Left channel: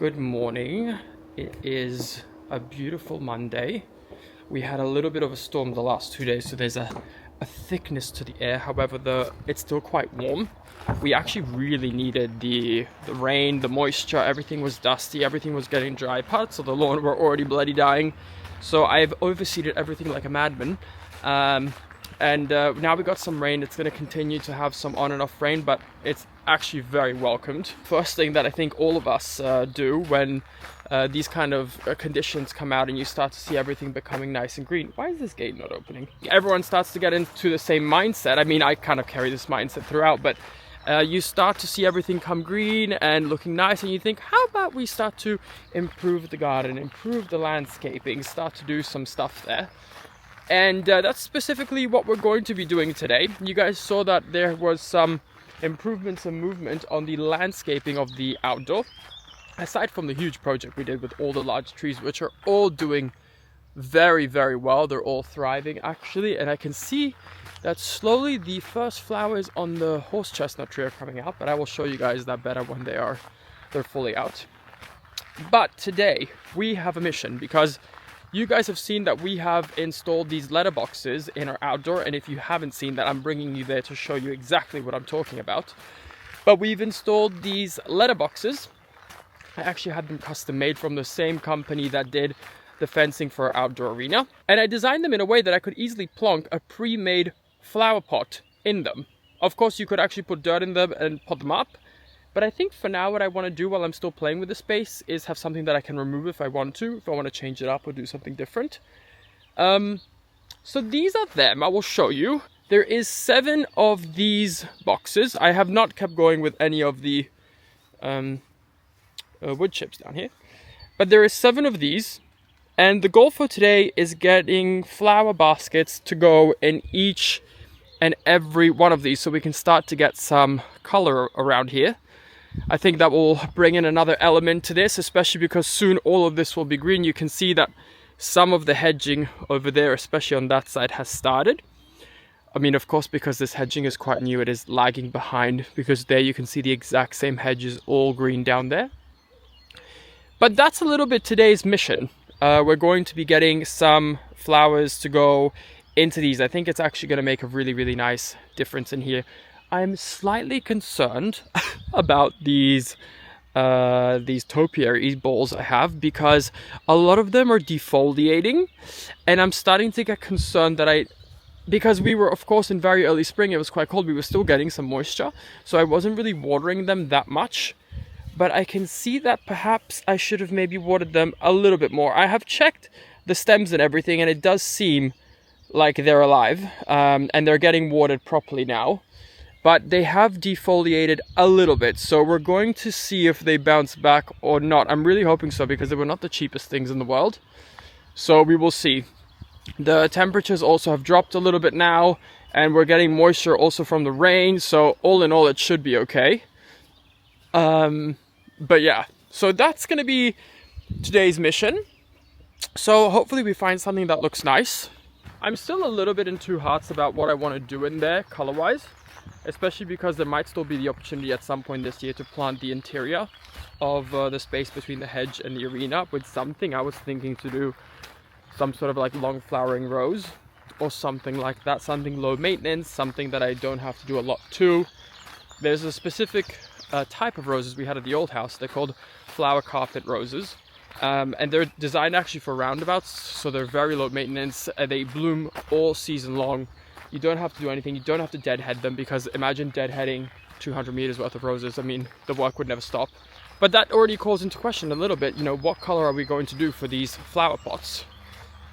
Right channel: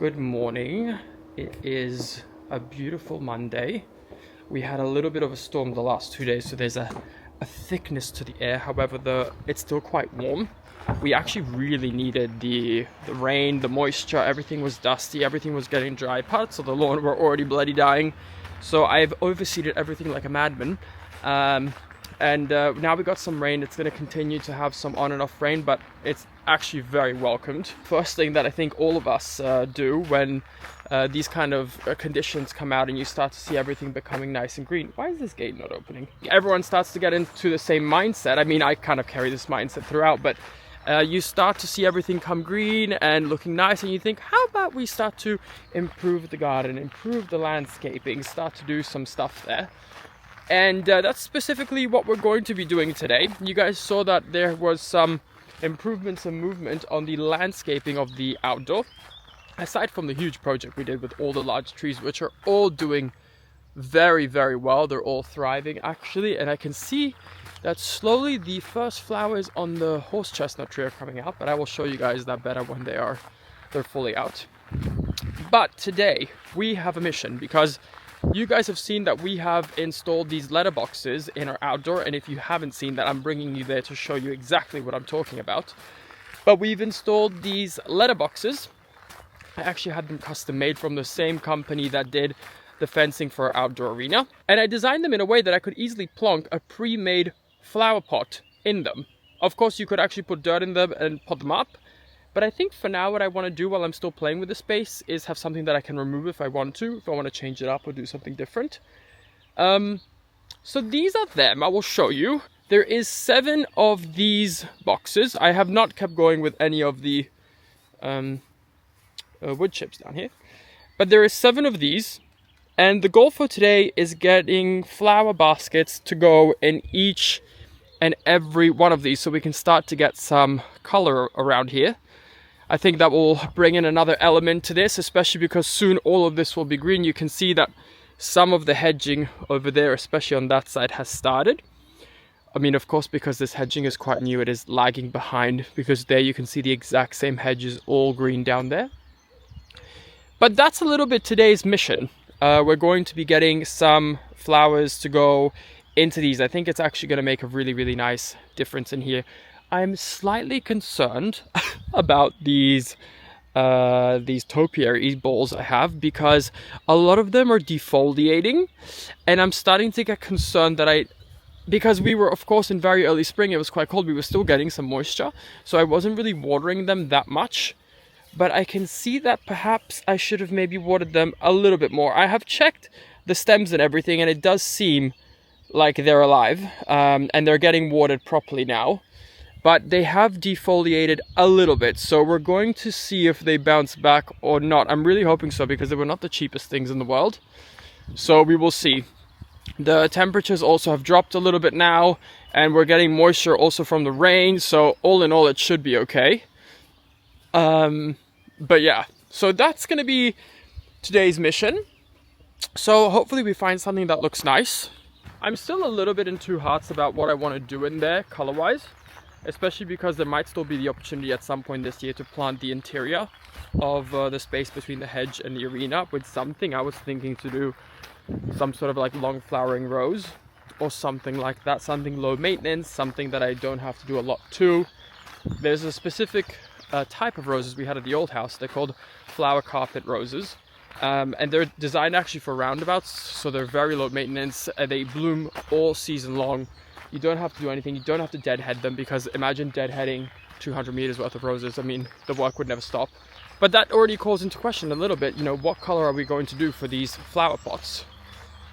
Good morning. It is a beautiful Monday. We had a little bit of a storm the last 2 days, so there's a thickness to the air. However, it's still quite warm. We actually really needed the rain, the moisture. Everything was dusty, everything was getting dry. Parts of the lawn were already bloody dying. So I've overseeded everything like a madman. Now we got some rain. It's going to continue to have some on and off rain, but it's actually very welcomed. First thing that I think all of us do when these kind of conditions come out and you start to see everything becoming nice and green. Why is this gate not opening? Everyone starts to get into the same mindset. I mean, I kind of carry this mindset throughout, but you start to see everything come green and looking nice, and you think, how about we start to improve the garden, improve the landscaping, start to do some stuff there. And that's specifically what we're going to be doing today. You guys saw that there was some improvements and movement on the landscaping of the outdoor. Aside from the huge project we did with all the large trees, which are all doing very, very well. They're all thriving actually. And I can see that slowly the first flowers on the horse chestnut tree are coming out. But I will show you guys that better when they're fully out. But today we have a mission, because you guys have seen that we have installed these letterboxes in our outdoor, and if you haven't seen that, I'm bringing you there to show you exactly what I'm talking about. But we've installed these letterboxes. I actually had them custom made from the same company that did the fencing for our outdoor arena, and I designed them in a way that I could easily plonk a pre-made flower pot in them. Of course, you could actually put dirt in them and pot them up. But I think for now what I want to do while I'm still playing with the space is have something that I can remove if I want to change it up or do something different. So these are them. I will show you. There is 7 of these boxes. I have not kept going with any of the wood chips down here. But there is 7 of these. And the goal for today is getting flower baskets to go in each and every one of these, so we can start to get some color around here. I think that will bring in another element to this, especially because soon all of this will be green. You can see that some of the hedging over there, especially on that side, has started. I mean, of course, because this hedging is quite new, it is lagging behind, because there you can see the exact same hedges all green down there. But that's a little bit today's mission. We're going to be getting some flowers to go into these. I think it's actually going to make a really, really nice difference in here. I'm slightly concerned about these topiary balls I have, because a lot of them are defoliating, and I'm starting to get concerned that because we were, of course, in very early spring, it was quite cold, we were still getting some moisture, so I wasn't really watering them that much. But I can see that perhaps I should have maybe watered them a little bit more. I have checked the stems and everything, and it does seem like they're alive, and they're getting watered properly now. But they have defoliated a little bit, so we're going to see if they bounce back or not. I'm really hoping so, because they were not the cheapest things in the world. So we will see. The temperatures also have dropped a little bit now, and we're getting moisture also from the rain, so all in all it should be okay. But yeah, so that's going to be today's mission. So hopefully we find something that looks nice. I'm still a little bit in two hearts about what I want to do in there color-wise, especially because there might still be the opportunity at some point this year to plant the interior of the space between the hedge and the arena with something. I was thinking to do some sort of like long flowering rose or something like that, something low maintenance, something that I don't have to do a lot to. There's a specific type of roses we had at the old house. They're called flower carpet roses. And they're designed actually for roundabouts, so they're very low maintenance. They bloom all season long. You don't have to do anything. You don't have to deadhead them, because imagine deadheading 200 meters worth of roses. I mean, the work would never stop. But that already calls into question a little bit, what color are we going to do for these flower pots?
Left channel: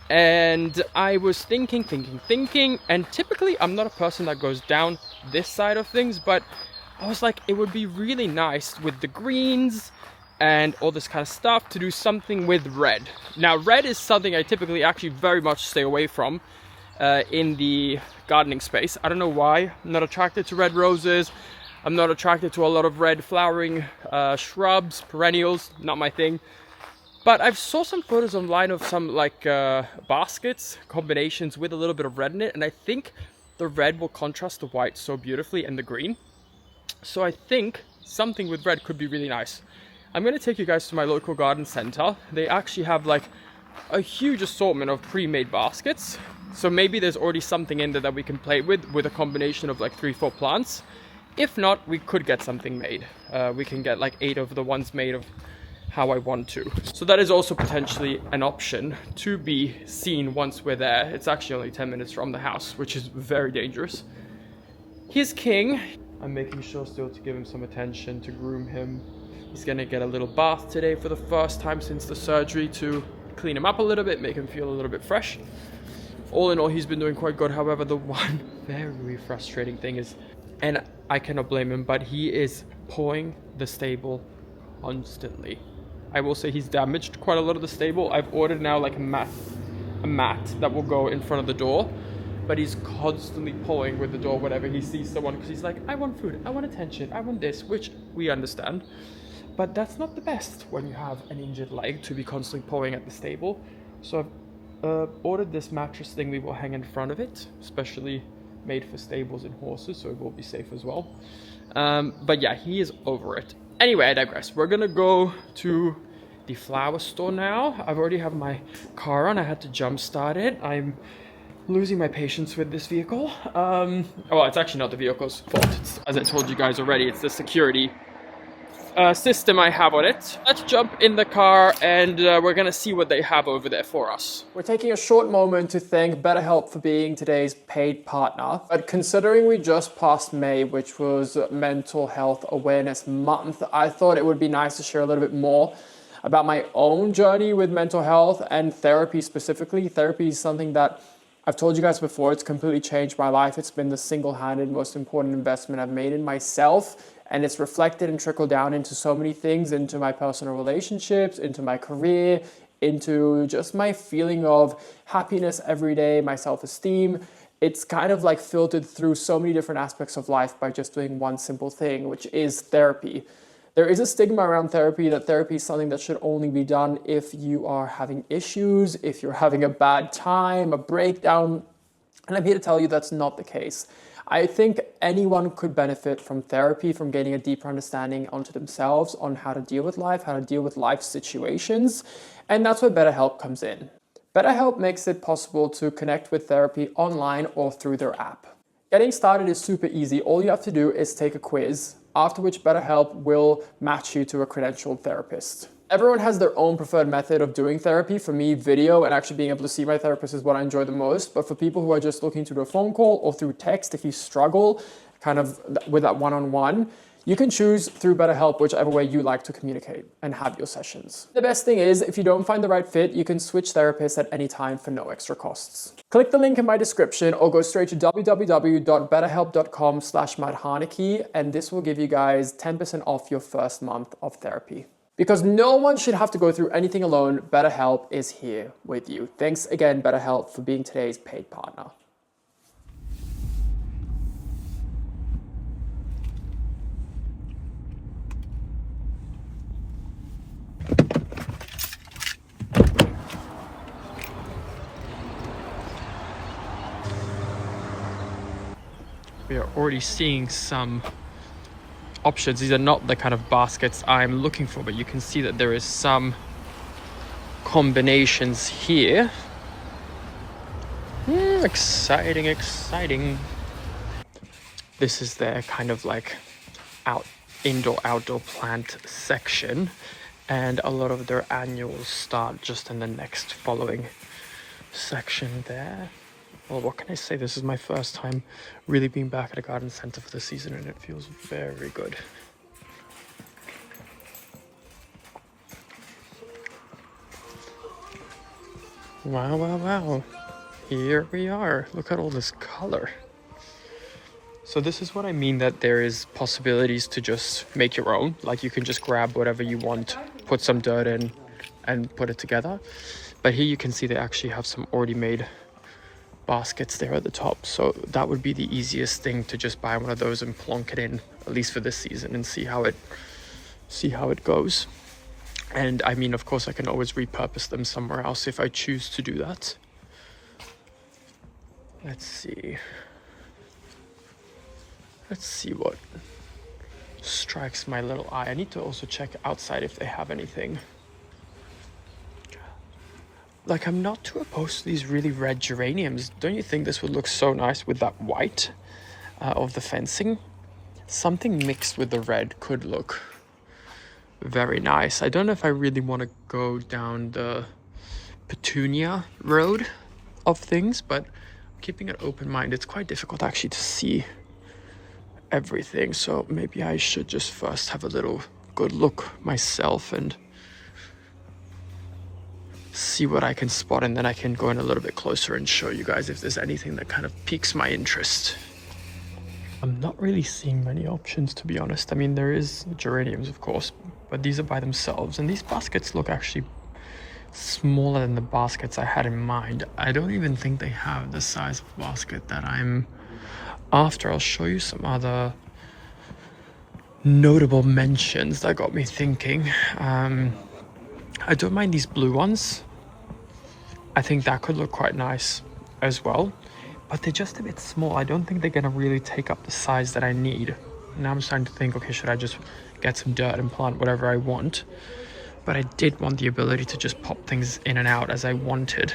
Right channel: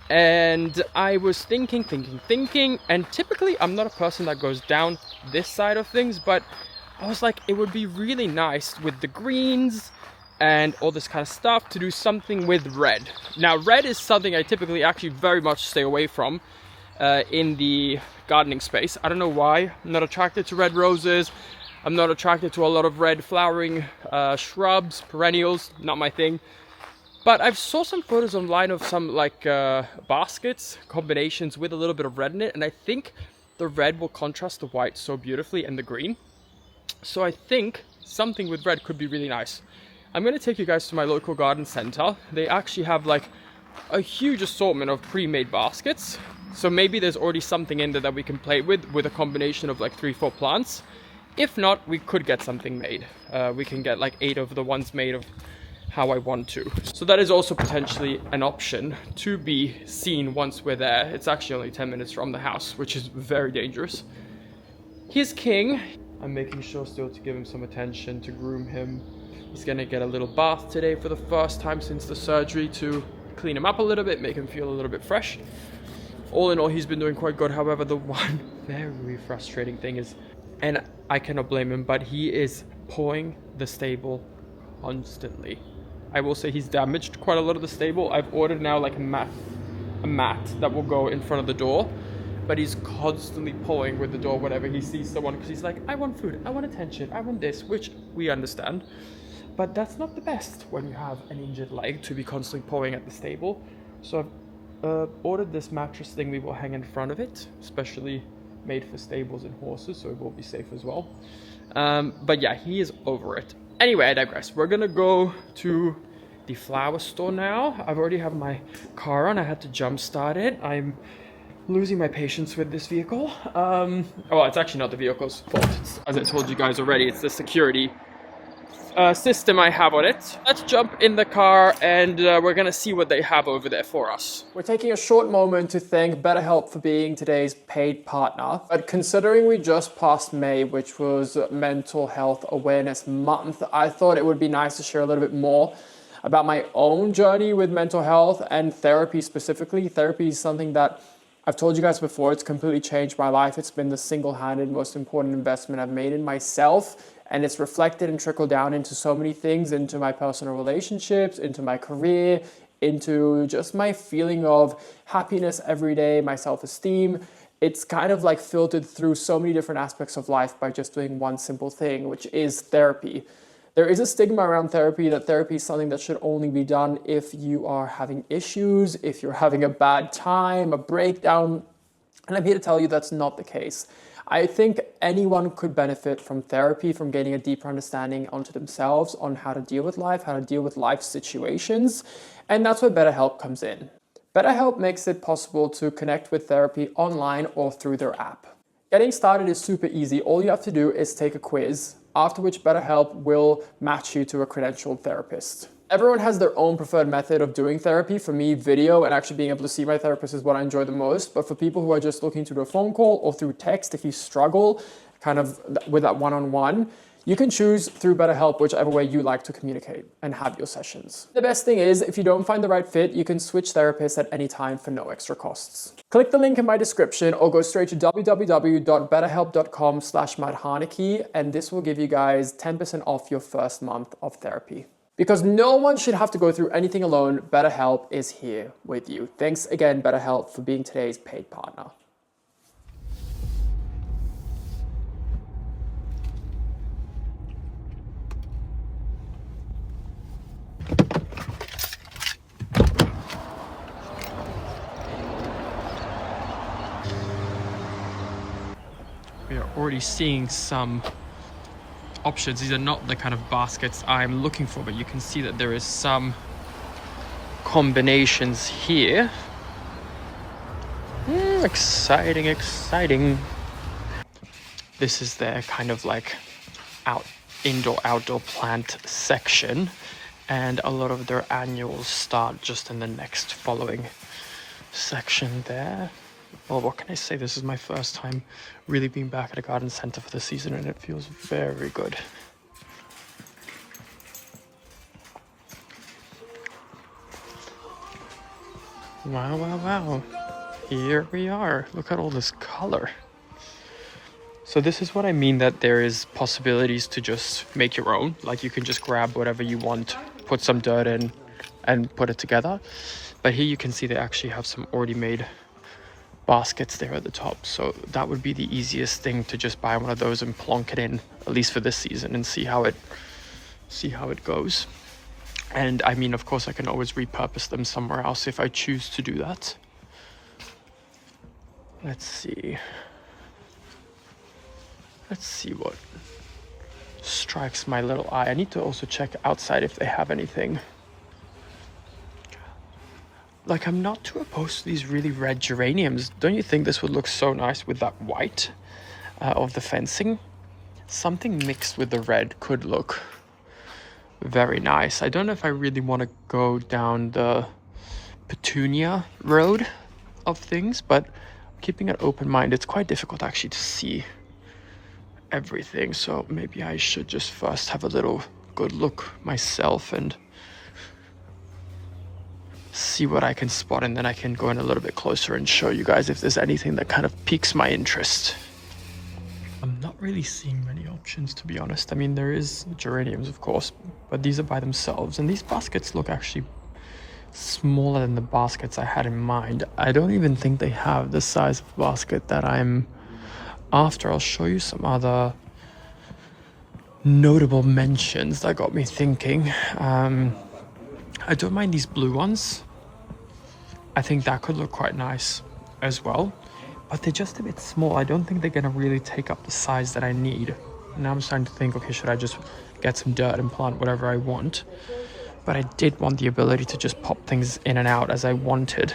And I was thinking, and typically I'm not a person that goes down this side of things, but I was like, it would be really nice with the greens and all this kind of stuff to do something with red. Now, red is something I typically actually very much stay away from in the gardening space. I don't know why. I'm not attracted to red roses. I'm not attracted to a lot of red flowering shrubs, perennials, not my thing. But I've saw some photos online of some like baskets, combinations with a little bit of red in it, and I think the red will contrast the white so beautifully and the green. So I think something with red could be really nice. I'm going to take you guys to my local garden center. They actually have like a huge assortment of pre-made baskets. So maybe there's already something in there that we can play with a combination of like 3-4 plants. If not, we could get something made. We can get like 8 of the ones made of how I want to. So that is also potentially an option to be seen once we're there. It's actually only 10 minutes from the house, which is very dangerous. Here's King. I'm making sure still to give him some attention, to groom him. He's gonna get a little bath today for the first time since the surgery to clean him up a little bit, make him feel a little bit fresh. All in all, he's been doing quite good. However, the one very frustrating thing is, and I cannot blame him, but he is pawing the stable constantly. I will say he's damaged quite a lot of the stable. I've ordered now like a mat that will go in front of the door, but he's constantly pawing with the door whenever he sees someone, because he's like, I want food, I want attention, I want this, which we understand. But that's not the best when you have an injured leg to be constantly pawing at the stable. So I've ordered this mattress thing we will hang in front of it, especially made for stables and horses, so it will be safe as well. But yeah, he is over it. Anyway, I digress. We're gonna go to the flower store now. I've already have my car on. I had to jump start it. I'm losing my patience with this vehicle. Well, it's actually not the vehicle's fault. As I told you guys already, it's the security system I have on it. Let's jump in the car and we're gonna see what they have over there for us. We're taking a short moment to thank BetterHelp for being today's paid partner. But considering we just passed May, which was Mental Health Awareness Month, I thought it would be nice to share a little bit more about my own journey with mental health and therapy specifically. Therapy is something that I've told you guys before, it's completely changed my life. It's been the single-handed most important investment I've made in myself. And it's reflected and trickled down into so many things, into my personal relationships, into my career, into just my feeling of happiness every day, my self-esteem. It's kind of like filtered through so many different aspects of life by just doing one simple thing, which is therapy. There is a stigma around therapy that therapy is something that should only be done if you are having issues, if you're having a bad time, a breakdown. And I'm here to tell you that's not the case. I think anyone could benefit from therapy, from gaining a deeper understanding onto themselves, on how to deal with life, how to deal with life situations. And that's where BetterHelp comes in. BetterHelp makes it possible to connect with therapy online or through their app. Getting started is super easy. All you have to do is take a quiz, after which BetterHelp will match you to a credentialed therapist. Everyone has their own preferred method of doing therapy. For me, video and actually being able to see my therapist is what I enjoy the most. But for people who are just looking to do a phone call or through text, if you struggle kind of with that one-on-one, you can choose through BetterHelp, whichever way you like to communicate and have your sessions. The best thing is, if you don't find the right fit, you can switch therapists at any time for no extra costs. Click the link in my description or go straight to www.betterhelp.com/Harnacke, and this will give you guys 10% off your first month of therapy. Because no one should have to go through anything alone, BetterHelp is here with you. Thanks again, BetterHelp, for being today's paid partner. We are already seeing some options. These are not the kind of baskets I'm looking for, but you can see that there is some combinations here. Exciting, exciting. This is their kind of like indoor-outdoor plant section, and a lot of their annuals start just in the next following section there. Well, what can I say? This is my first time really being back at a garden center for the season, and it feels very good. Wow, wow, wow. Here we are. Look at all this color. So this is what I mean, that there is possibilities to just make your own. Like you can just grab whatever you want, put some dirt in, and put it together. But here you can see they actually have some already made baskets there at the top, so that would be the easiest thing, to just buy one of those and plonk it in, at least for this season, and see how it goes. And I mean, of course, I can always repurpose them somewhere else if I choose to do that. Let's see what strikes my little eye. I need to also check outside if they have anything. Like, I'm not too opposed to these really red geraniums. Don't you think this would look so nice with that white of the fencing? Something mixed with the red could look very nice. I don't know if I really want to go down the petunia road of things, but keeping an open mind, it's quite difficult actually to see everything. So maybe I should just first have a little good look myself and see what I can spot, and then I can go in a little bit closer and show you guys if there's anything that kind of piques my interest. I'm not really seeing many options, to be honest. I mean, there is geraniums, of course, but these are by themselves, and these baskets look actually smaller than the baskets I had in mind. I don't even think they have the size of basket that I'm after. I'll show you some other notable mentions that got me thinking. I don't mind these blue ones. I think that could look quite nice as well, but they're just a bit small. I don't think they're gonna really take up the size that I need. Now I'm starting to think, okay, should I just get some dirt and plant whatever I want? But I did want the ability to just pop things in and out as I wanted.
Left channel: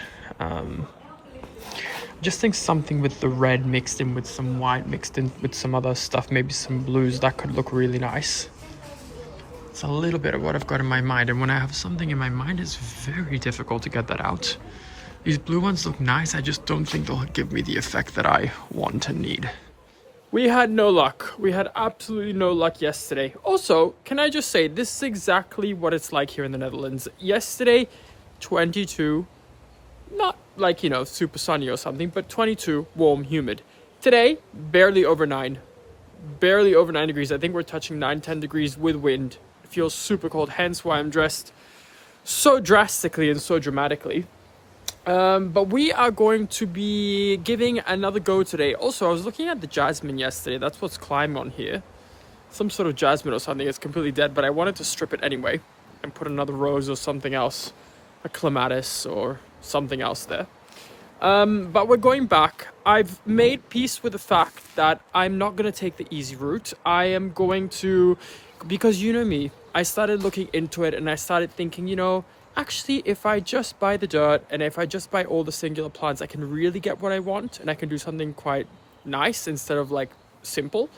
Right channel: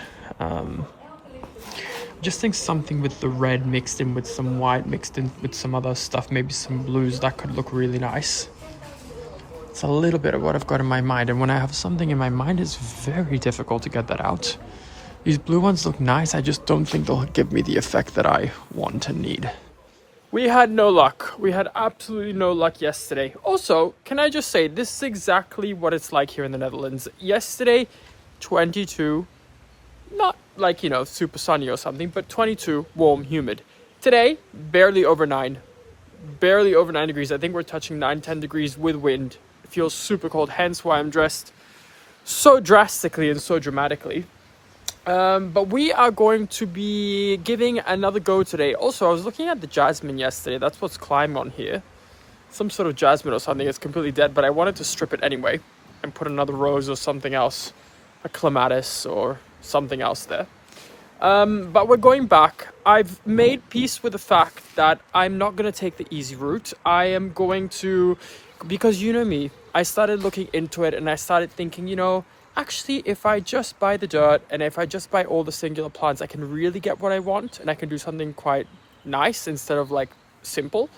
Just think something with the red mixed in with some white, mixed in with some other stuff, maybe some blues, that could look really nice. It's a little bit of what I've got in my mind, and when I have something in my mind, it's very difficult to get that out. These blue ones look nice, I just don't think they'll give me the effect that I want and need. We had no luck. We had absolutely no luck yesterday. Also, can I just say, this is exactly what it's like here in the Netherlands. Yesterday, 22, not like, you know, super sunny or something, but 22, warm, humid. Today, barely over 9. Barely over 9 degrees. I think we're touching 9-10 degrees with wind. It feels super cold, hence why I'm dressed so drastically and so dramatically. But we are going to be giving another go today. Also, I was looking at the jasmine yesterday. That's what's climbing on here. Some sort of jasmine or something. It's completely dead, but I wanted to strip it anyway and put another rose or something else, a clematis or something else there. But we're going back. I've made peace with the fact that I'm not going to take the easy route. I am going to, because you know me, I started looking into it and I started thinking, you know, actually, if I just buy the dirt and if I just buy all the singular plants, I can really get what I want and I can do something quite nice instead of like simple.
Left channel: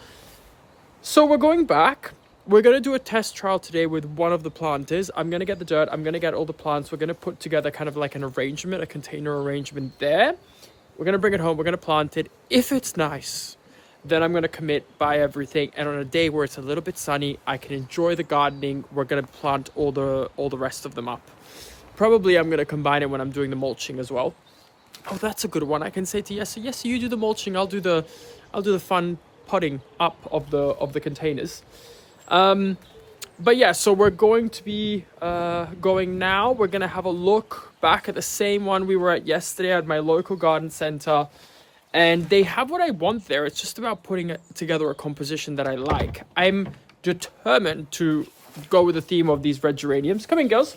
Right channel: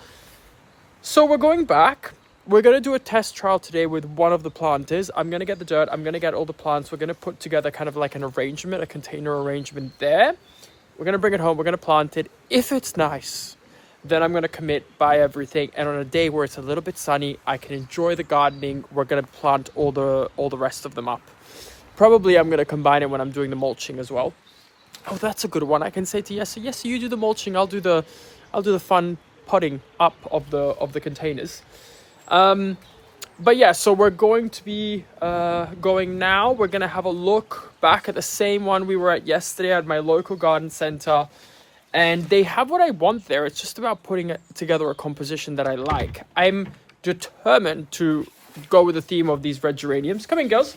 So we're going back. We're going to do a test trial today with one of the planters. I'm going to get the dirt. I'm going to get all the plants. We're going to put together kind of like an arrangement, a container arrangement there. We're going to bring it home. We're going to plant it. If it's nice, then I'm going to commit, buy everything. And on a day where it's a little bit sunny, I can enjoy the gardening. We're going to plant all the rest of them up. Probably I'm going to combine it when I'm doing the mulching as well. Oh, that's a good one. I can say to Yes, you do the mulching. I'll do the fun potting up of the containers. But yeah, so we're going to be going now. We're going to have a look back at the same one we were at yesterday at my local garden center. And they have what I want there. It's just about putting together a composition that I like. I'm determined to go with the theme of these red geraniums. Come in, girls.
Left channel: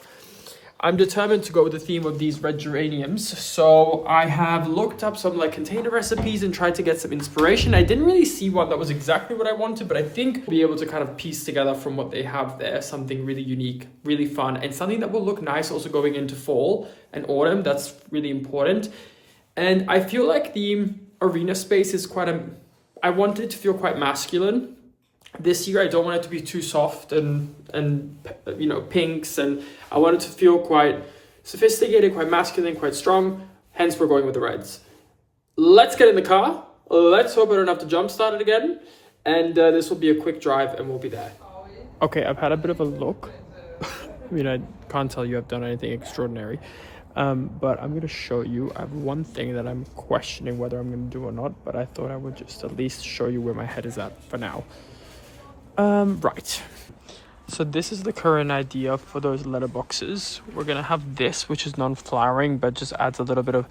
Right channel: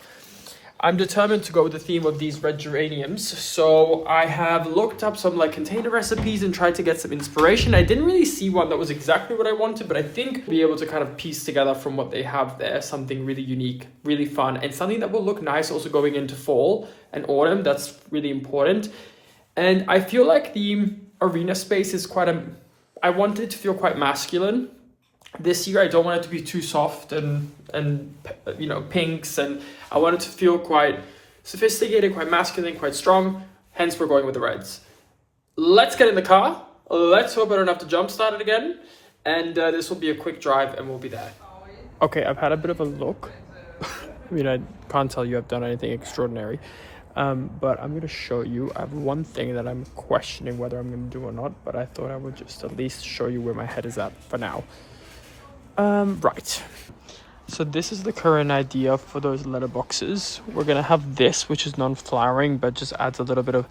I'm determined to go with the theme of these red geraniums. So I have looked up some like container recipes and tried to get some inspiration. I didn't really see one that was exactly what I wanted, but I think I'll be able to kind of piece together from what they have there something really unique, really fun, and something that will look nice also going into fall and autumn. That's really important. And I feel like the arena space is I want it to feel quite masculine. This year I don't want it to be too soft and you know, pinks, and I want it to feel quite sophisticated, quite masculine, quite strong. Hence we're going with the reds. Let's get in the car. Let's hope I don't have to jump start it again. And this will be a quick drive and we'll be there. Okay, I've had a bit of a look. I mean, I can't tell you I've done anything extraordinary. But I'm going to show you. I have one thing that I'm questioning whether I'm going to do or not, but I thought I would just at least show you where my head is at for now. Right. So this is the current idea for those letterboxes. We're going to have this, which is non-flowering, but just adds a little bit of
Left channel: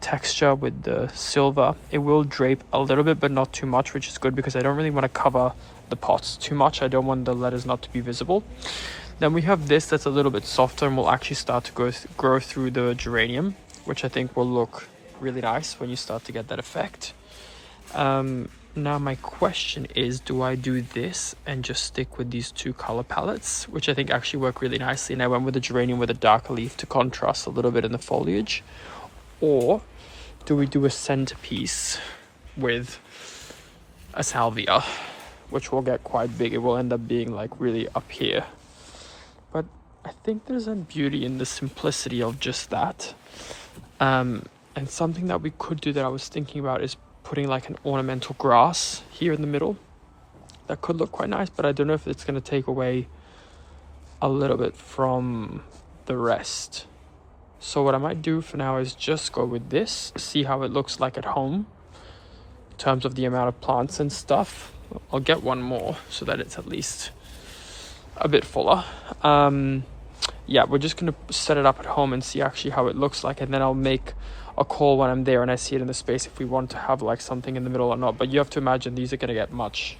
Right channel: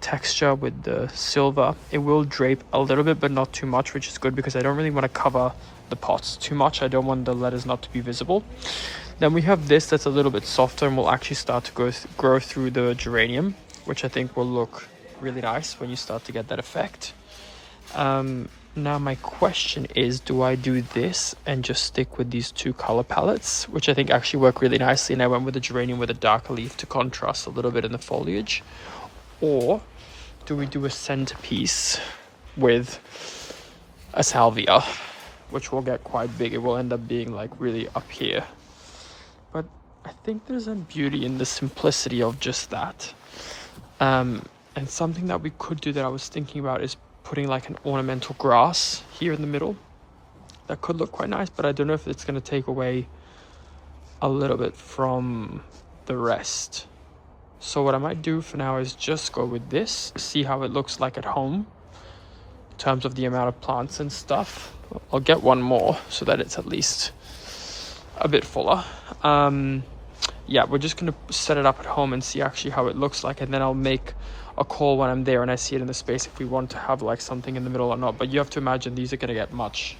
texture with the silver. It will drape a little bit, but not too much, which is good because I don't really want to cover the pots too much. I don't want the letters not to be visible. Then we have this that's a little bit softer and will actually start to grow through the geranium, which I think will look really nice when you start to get that effect. Now my question is, do I do this and just stick with these two color palettes, which I think actually work really nicely, and I went with the geranium with a darker leaf to contrast a little bit in the foliage? Or do we do a centerpiece with a salvia, which will get quite big? It will end up being like really up here. But I think there's a beauty in the simplicity of just that. And something that we could do that I was thinking about is putting like an ornamental grass here in the middle. That could look quite nice, but I don't know if it's going to take away a little bit from the rest. So what I might do for now is just go with this, see how it looks like at home in terms of the amount of plants and stuff. I'll get one more so that it's at least a bit fuller. Yeah, we're just going to set it up at home and see actually how it looks like, and then I'll make a call when I'm there and I see it in the space if we want to have like something in the middle or not. But you have to imagine these are going to get much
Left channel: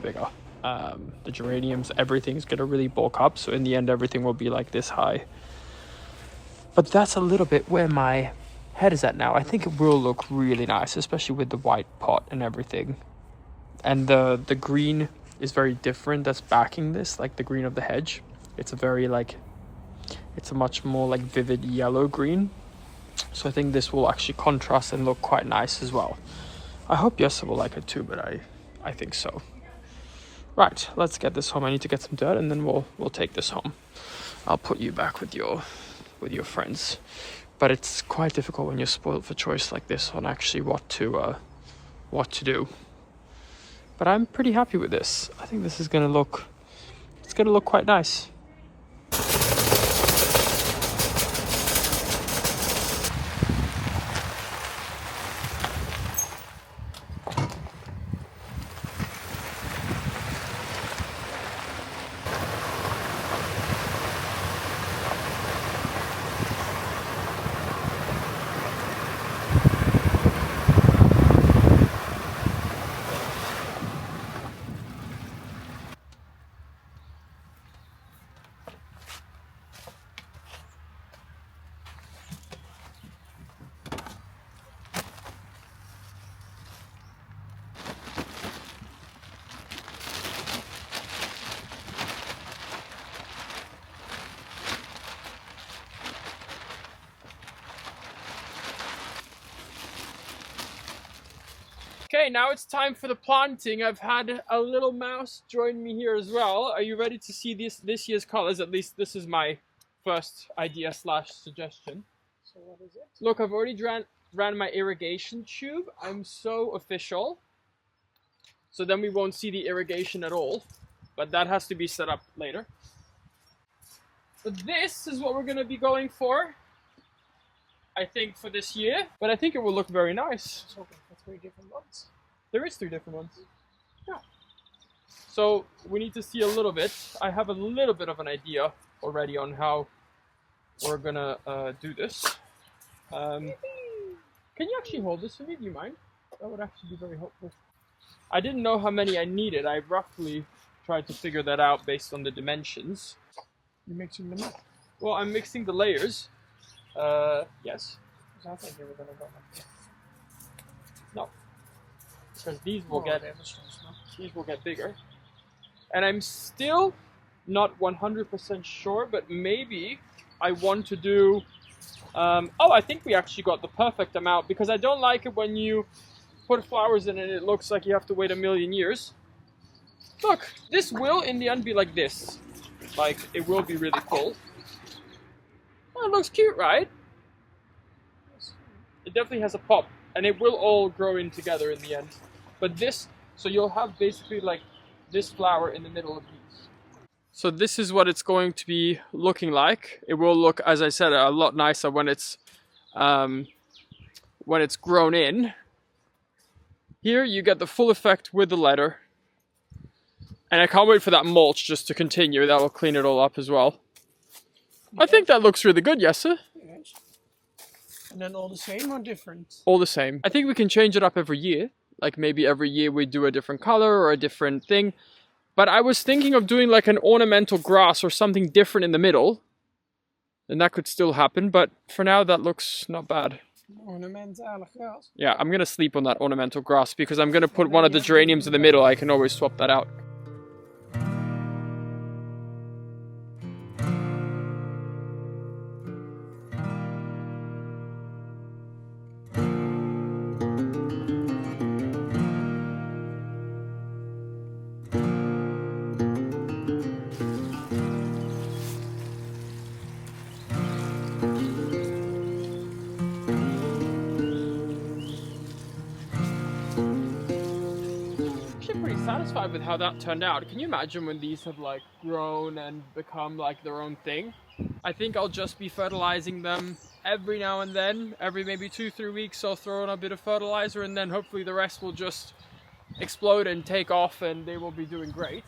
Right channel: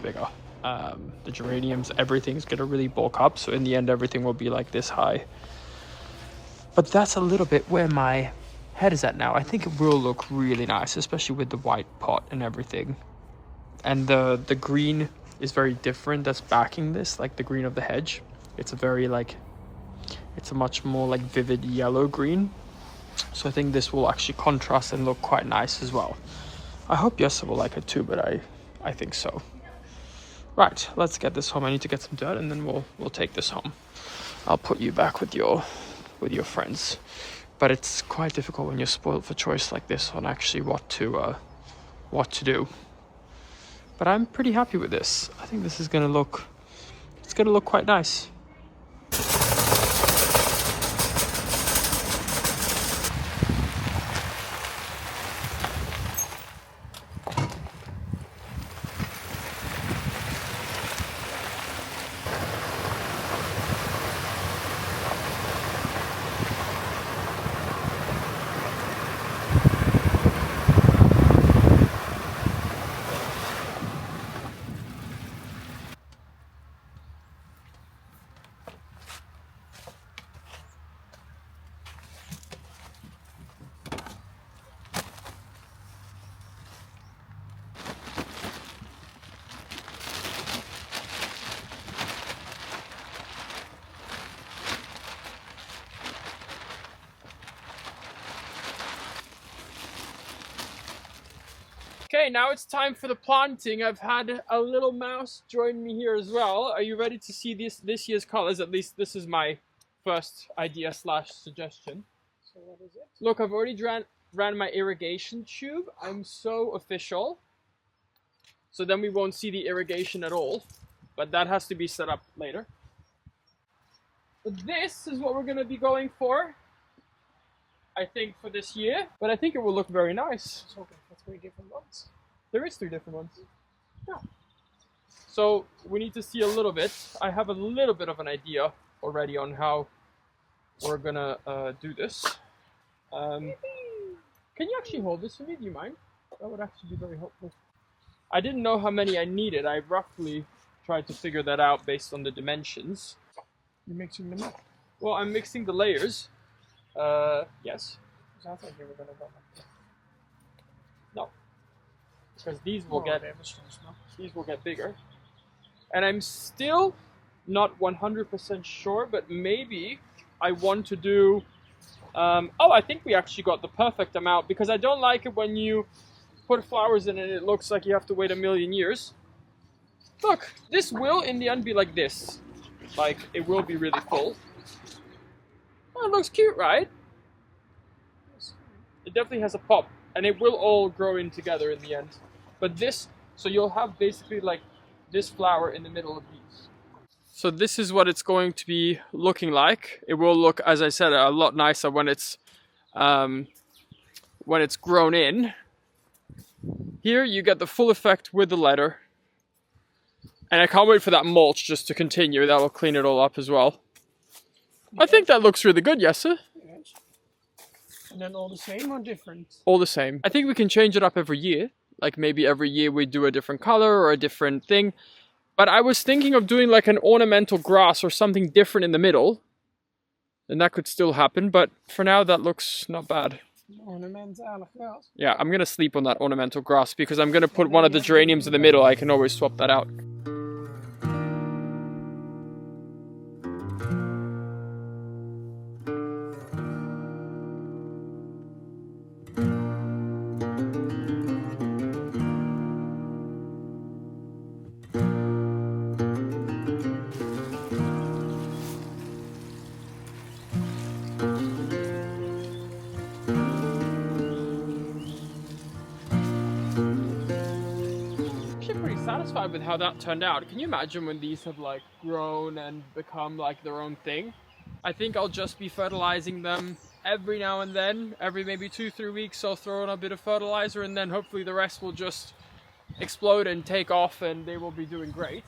bigger. The geraniums, everything's going to really bulk up, so in the end everything will be like this high. But that's a little bit where my head is at now. I think it will look really nice, especially with the white pot and everything. And the green is very different that's backing this, like the green of the hedge. It's a very like, it's a much more like vivid yellow green. So I think this will actually contrast and look quite nice as well. I hope Jessup will like it too, but I think so. Right, let's get this home. I need to get some dirt and then we'll take this home. I'll put you back with your friends. But it's quite difficult when you're spoiled for choice like this on actually what to do. But I'm pretty happy with this. I think this is gonna look quite nice. Okay, now it's time for the planting. I've had a little mouse join me here as well. Are you ready to see this year's colors? At least this is my first idea / suggestion. So what is it? Look, I've already ran my irrigation tube. I'm so official. So then we won't see the irrigation at all. But that has to be set up later. But this is what we're going to be going for, I think, for this year. But I think it will look very nice. It's okay for 3 different ones. There is 3 different ones. Yeah. So we need to see a little bit. I have a little bit of an idea already on how we're gonna do this. Can you actually hold this for me? Do you mind? That would actually be very helpful. I didn't know how many I needed. I roughly tried to figure that out based on the dimensions. You're mixing them up? Well, I'm mixing the layers. Yes. Because I think you were gonna go like this. No. Because these will get bigger. And I'm still not 100% sure, but maybe I want to do... oh, I think we actually got the perfect amount, because I don't like it when you put flowers in it and it looks like you have to wait a million years. Look, this will in the end be like this. Like, it will be really full. Oh, it looks cute, right? It definitely has a pop, and it will all grow in together in the end. But this, so you'll have basically like this flower in the middle of these. So this is what it's going to be looking like. It will look, as I said, a lot nicer when it's grown in. Here you get the full effect with the letter. And I can't wait for that mulch just to continue. That will clean it all up as well. I think that looks really good, yes, sir? Yes. And then all the same or different? All the same. I think we can change it up every year. Like maybe every year we do a different color or a different thing. But I was thinking of doing like an ornamental grass or something different in the middle. And that could still happen. But for now, that looks not bad. Ornamentale gras. Yeah, I'm gonna sleep on that ornamental grass because I'm gonna put one of the geraniums in the middle. I can always swap that out. Satisfied with how that turned out. Can you imagine when these have like grown and become like their own thing? I think I'll just be fertilizing them every now and then. Every maybe 2-3 weeks I'll throw in a bit of fertilizer, and then hopefully the rest will just explode and take off and they will be doing great.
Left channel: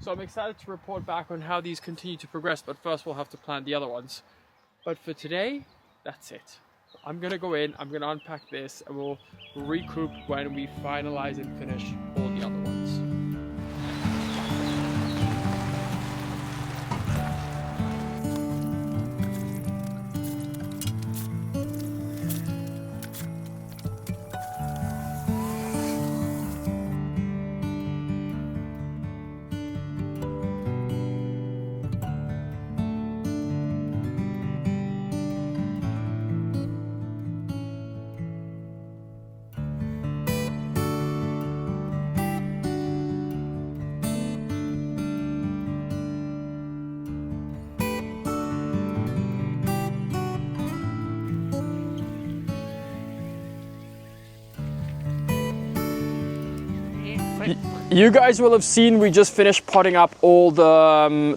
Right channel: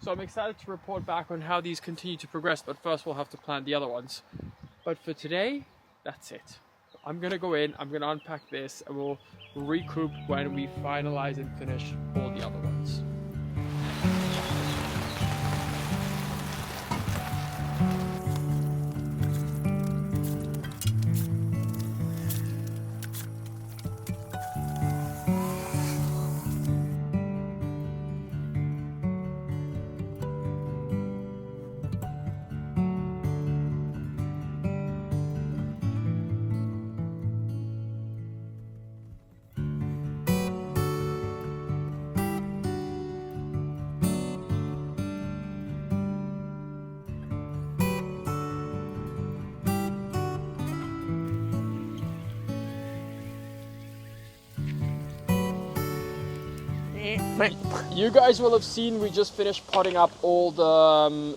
So I'm excited to report back on how these continue to progress, but first we'll have to plant the other ones. But for today, that's it. I'm gonna go in, I'm gonna unpack this, and we'll recoup when we finalize and finish all the other ones. You guys will have seen we just finished potting up all the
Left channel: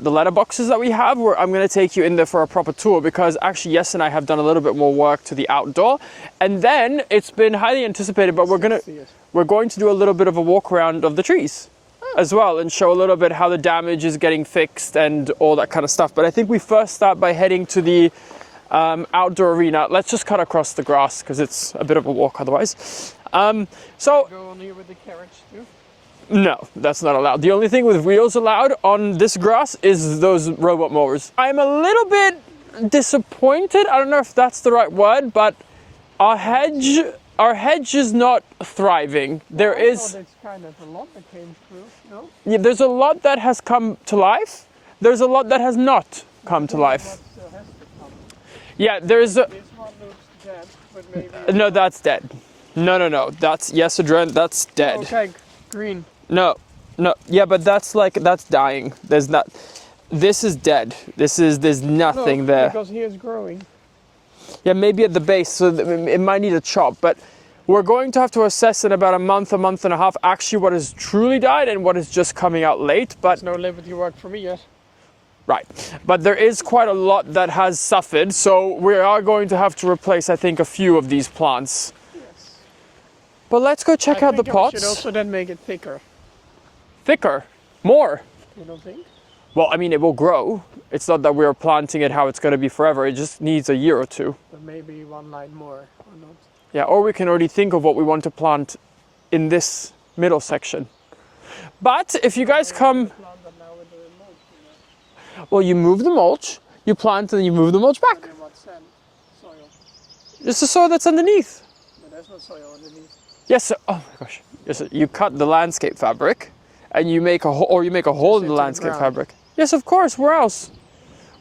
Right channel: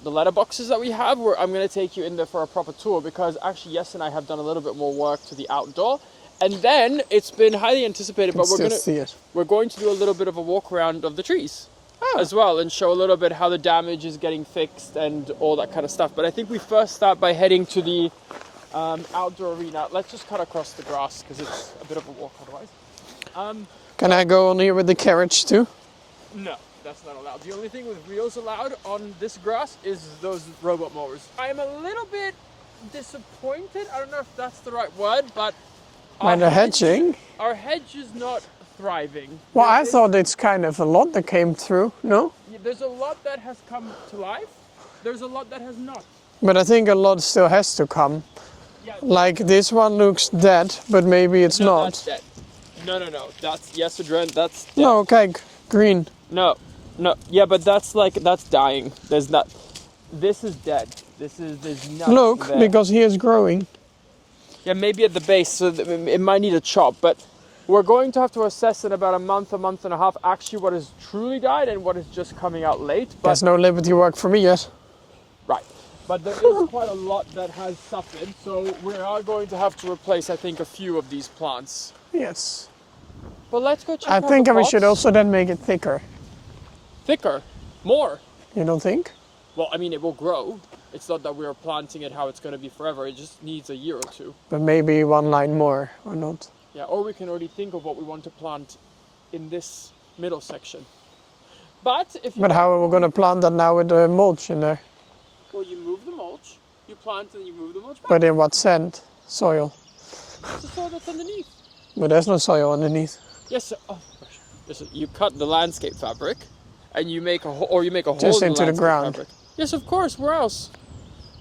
letterboxes that we have. I'm going to take you in there for a proper tour because actually Jesse and I have done a little bit more work to the outdoor, and then it's been highly anticipated. But we're going to do a little bit of a walk around of the trees as well and show a little bit how the damage is getting fixed and all that kind of stuff. But I think we first start by heading to the outdoor arena. Let's just cut across the grass because it's a bit of a walk otherwise. Can I go on here with the carriage too? No, that's not allowed. The only thing with wheels allowed on this grass is those robot mowers. I'm a little bit disappointed. I don't know if that's the right word, but our hedge is not thriving. Well, I thought it's kind of a lot that came through, no? Yeah, there's a lot that has come to life. There's a lot that has not But come I think to life. a lot still has to come. Yeah, there's like this one looks dead, but maybe it's not. No, that's dead. No. That's 𝒋𝒍𝒍𝒐𝒘, that's dead. No, okay, green. No. Yeah, but that's dying. There's not. This is dead. There's nothing Look, there. because he is growing. Yeah, maybe at the base, so it might need a chop, but we're going to have to assess in about a month and a half, actually what has truly died and what is just coming out late. But there's no Liberty work for me yet. Right, but there is quite a lot that has suffered, so we are going to have to replace, I think, a few of these plants. Yes. But let's go check out the pots. I think we should also then make it thicker. Thicker? More? You don't think? Well, I mean, it will grow. It's not that we're planting it how it's going to be forever. It just needs a year or two. But maybe one line more, or not? Yeah, or we can already think of what we want to plant in this middle section. But if you guys how are we going to plant that now with the mulch in there? Well, you move the mulch, you plant, and you move the mulch back. But in what sand? Soil? It's the soil that's underneath. But there's no soil underneath. Yes, sir. Oh my gosh. Yes, sir. You cut the landscape fabric, and you make a hole in the landscape fabric. Yes, of course. Where else?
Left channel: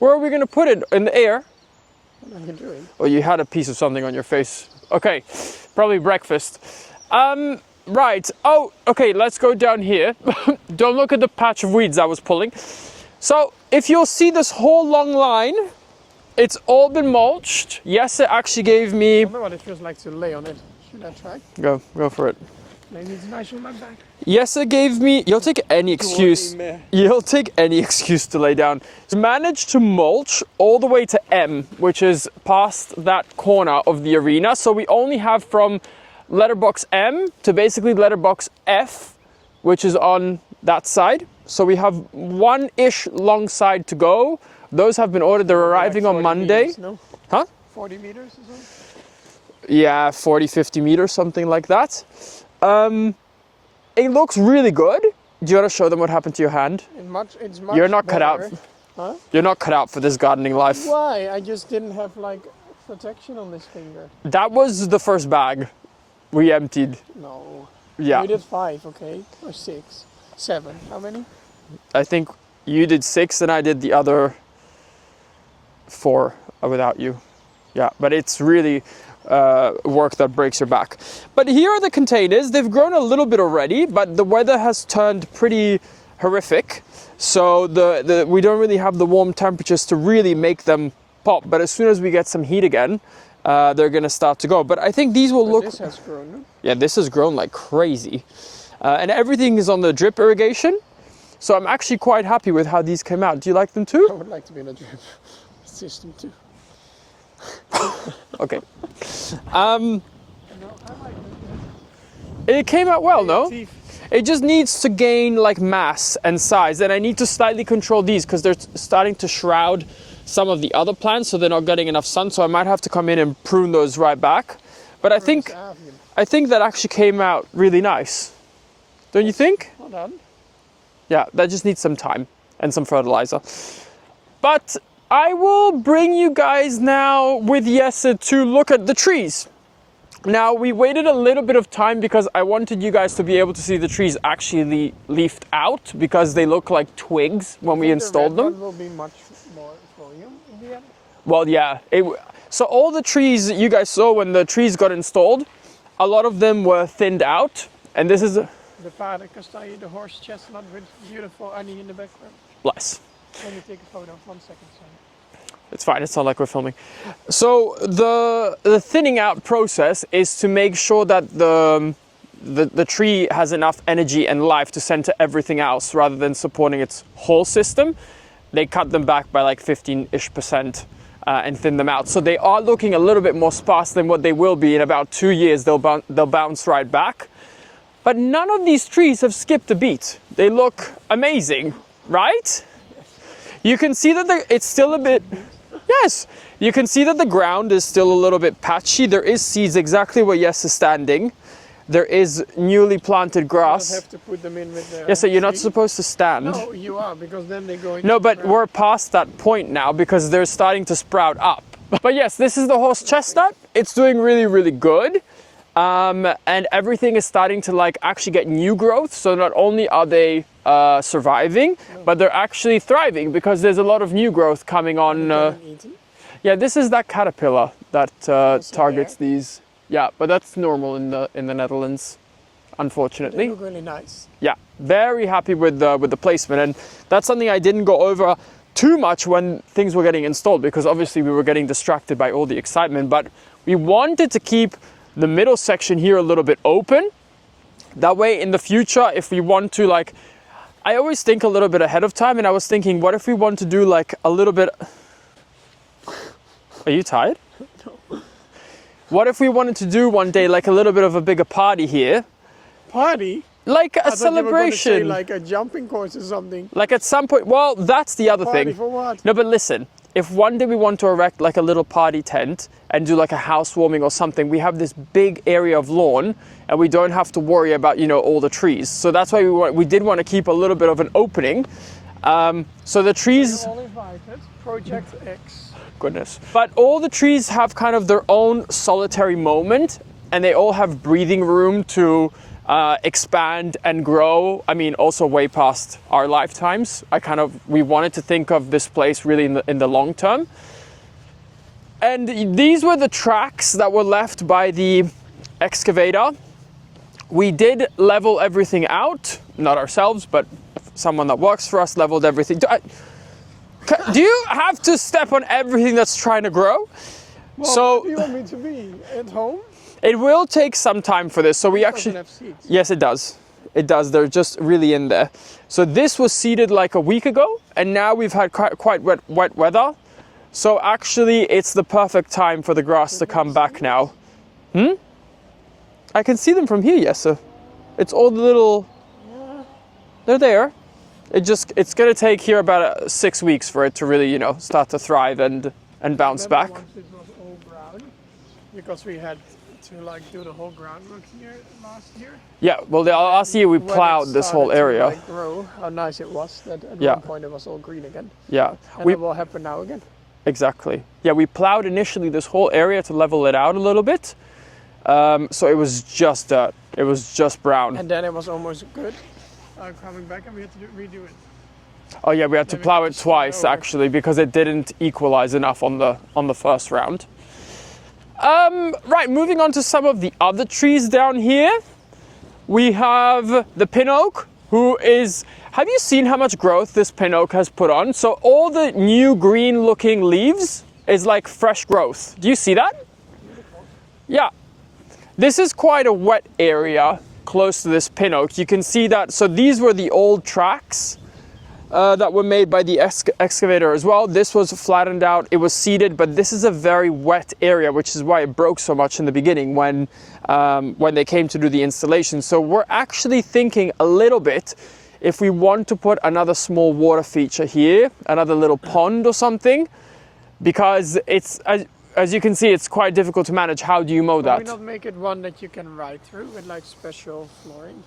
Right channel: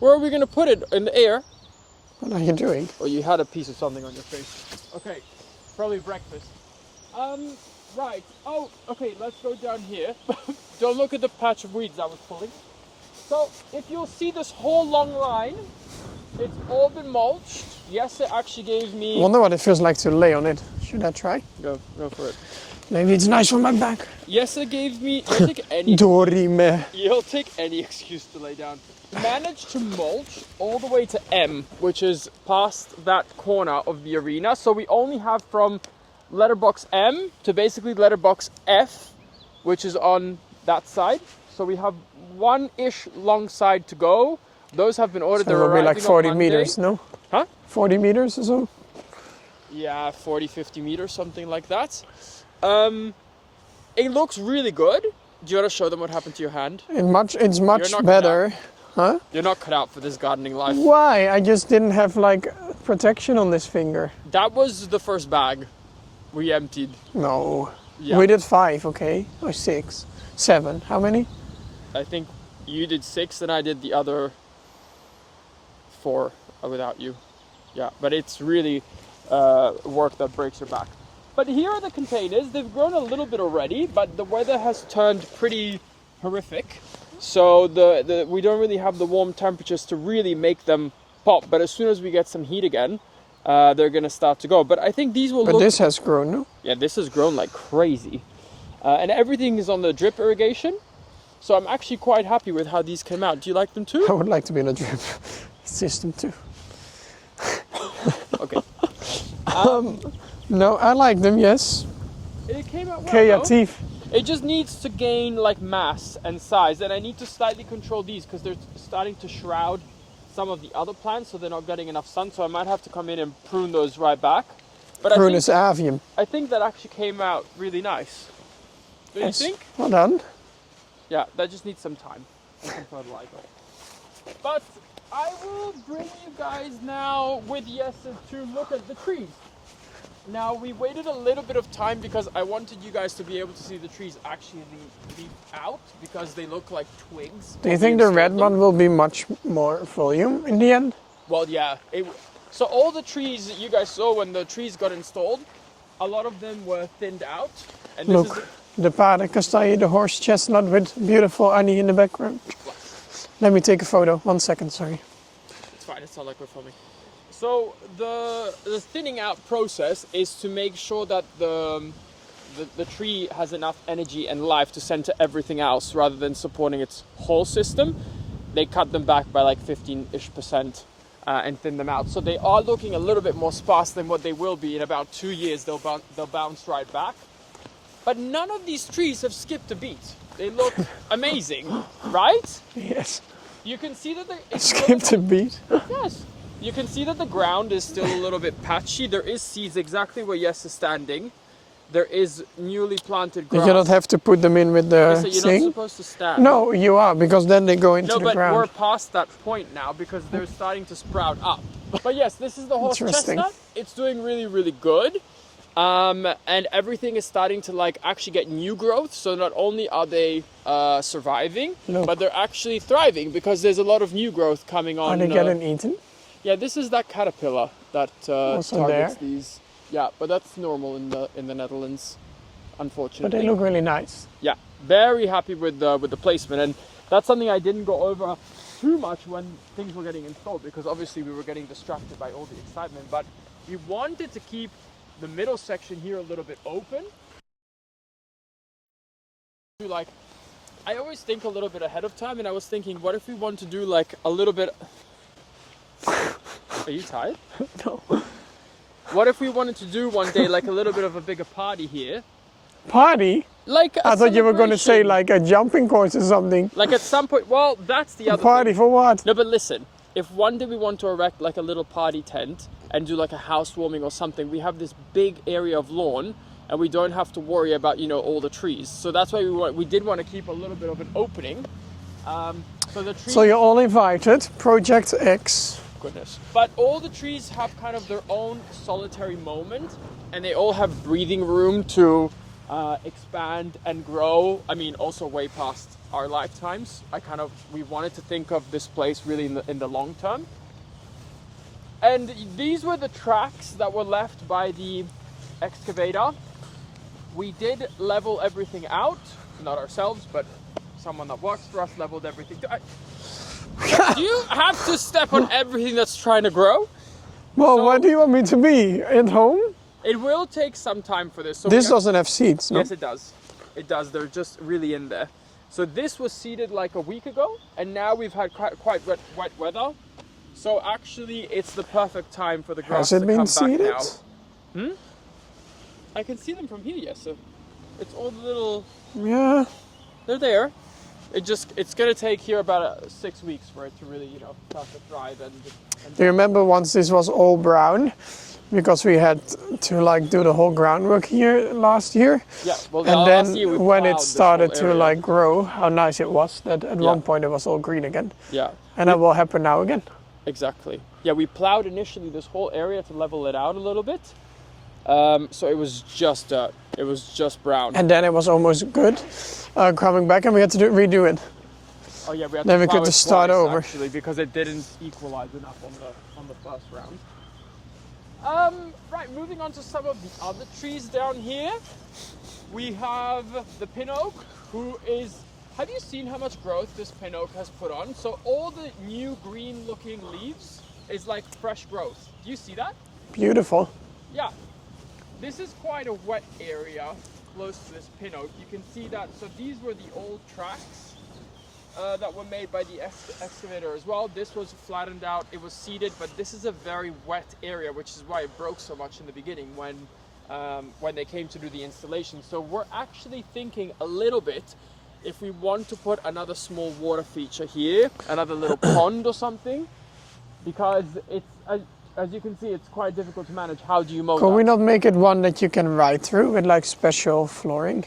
Where are we going to put it? In the air? What are you doing? Oh, you had a piece of something on your face. Okay, probably breakfast. Right. Oh, okay. Let's go down here. Don't look at the patch of weeds I was pulling. So, if you'll see this whole long line, it's all been mulched. Yes, it actually gave me... I wonder what it feels like to lay on it. Should I try? Go for it. Maybe it's nice for my back. Yes, it gave me... You'll take any excuse. You'll take any excuse to lay down. Managed to mulch all the way to M, which is past that corner of the arena. So we only have from letterbox M to basically letterbox F, which is on that side. So we have one-ish long side to go. Those have been ordered. They're arriving on Monday. Meters, no? Huh? 40 meters or so? Yeah, 40, 50 meters, something like that. It looks really good. Do you want to show them what happened to your hand? It's much You're not better. cut out. Huh? You're not cut out for this gardening life. Why? I just didn't have like protection on this finger. That was the first bag we emptied. No. Yeah. We did 5, okay? Or 6. 7. How many? I think you did 6 and I did the other 4 without you. Yeah, but it's really work that breaks your back. But here are the containers. They've grown a little bit already, but the weather has turned pretty horrific. So we don't really have the warm temperatures to really make them pop. But as soon as we get some heat again, they're going to start to go. But I think these will look... But this has grown, no? Yeah, this has grown like crazy. And everything is on the drip irrigation. So I'm actually quite happy with how these came out. Do you like them too? I would like to be in a drip system too. Okay. No, I like them, yes. It came out well though. Creatief. It just needs to gain like mass and size, and I need to slightly control these because they're starting to shroud some of the other plants, so they're not getting enough sun. So I might have to come in and prune those right back. But 𝒂𝒏𝒆𝒚. I think that actually came out really nice. Don't you think? Well done. Yeah, that just needs some time and some fertilizer. But I will bring you guys now with 𝒋𝒐𝒍𝒍𝒐𝒘 to look at the trees. Now, we waited a little bit of time because I wanted you guys to be able to see the trees actually leafed out because they look like twigs Do you when we think the installed red them. one will be much more volume in the end? Well, yeah. So all the trees you guys saw when the trees got installed, a lot of them were thinned out. And this is... The paardenkastanje, the horse chestnut with beautiful honey in the background. Bless. Let me take a photo. 1 second, sorry. It's fine, it's not like we're filming. So the thinning out process is to make sure that the tree has enough energy and life to send to everything else rather than supporting its whole system. They cut them back by like 15-ish% and thin them out. So they are looking a little bit more sparse than what they will be in about 2 years. They'll bounce right back. But none of these trees have skipped a beat. They look amazing, right? Yes. You can see that it's still a bit... Yes. You can see that the ground is still a little bit patchy. There is seeds exactly where 𝒋𝒐𝒍𝒍𝒐𝒘 is standing. There is newly planted grass. You cannot have to put them in with the Yes, so you're not thing? supposed to stand. No, you are, because then they go into the ground. No, but we're past that point now because they're starting to sprout up. But yes, this is the horse chestnut. It's doing really, really good. And everything is starting to like actually get new growth. So not only are they surviving, but they're actually thriving because there's a lot of new growth coming on. Are they getting eaten? Yeah, this is that caterpillar that targets these. Yeah, but that's normal in the Netherlands, unfortunately. But they look really nice. Yeah, very happy with the placement, and that's something I didn't go over too much when things were getting installed because obviously we were getting distracted by all the excitement. But we wanted to keep the middle section here a little bit open. That way in the future, if we want to like, I always think a little bit ahead of time, and I was thinking, what if we want to do like a little bit... Are you tired? No. What if we wanted to do one day like a little bit of a bigger party here? Party? Like a I thought you were going to say celebration. like a jumping course or something. Like at some point, well, that's the other Party thing. for what? No, but listen, if one day we want to erect like a little party tent and do like a housewarming or something, we have this big area of lawn and we don't have to worry about, you know, all the trees. So that's why we did want to keep a little bit of an opening. So the trees... So you're all invited, Project X. Goodness. But all the trees have kind of their own solitary moment and they all have breathing room to expand and grow. I mean, also way past our lifetimes. We wanted to think of this place really in the long term. And these were the tracks that were left by the excavator. We did level everything out, not ourselves, but someone that works for us leveled everything. Do you have to step on everything that's trying to grow? Well, so, what do you want me to be? At home? It will take some time for this. So this doesn't have seeds. No? Yes, it does. It does. They're just really in there. So this was seeded like a week ago, and now we've had quite wet weather. So actually, it's the perfect time for the grass to come back now. I can see them from here, yes, sir. It's all the little... Yeah. They're there. It's going to take here about 6 weeks for it to really, you know, start to thrive and bounce back. I remember once this was all brown, because we had to like do the whole groundwork here last year. Yeah, well, last year we plowed this whole area. When it started to like grow, how nice it was. That at one point it was all green again. Yeah. And that will happen now again. Exactly. Yeah, we plowed initially this whole area to level it out a little bit. So it was just dirt. It was just brown. And then it was almost good coming back, and we had to redo it. Oh yeah, we had Then to we plow get to it start twice over. actually because it didn't equalize enough on the first round. Right, moving on to some of the other trees down here. We have the pin oak, who is. Have you seen how much growth this pin oak has put on? So all the new green looking leaves is like fresh growth. Do you see that? Beautiful. Yeah. This is quite a wet area close to this pin oak. You can see that. So these were the old tracks that were made by the excavator as well. This was flattened out, it was seeded, but this is a very wet area, which is why it broke so much in the beginning when they came to do the installation. So we're actually thinking a little bit if we want to put another small water feature here, another little pond or something, because it's, as you can see, it's quite difficult to manage. How do you mow that? Can we not make it one that you can ride through with like special flooring?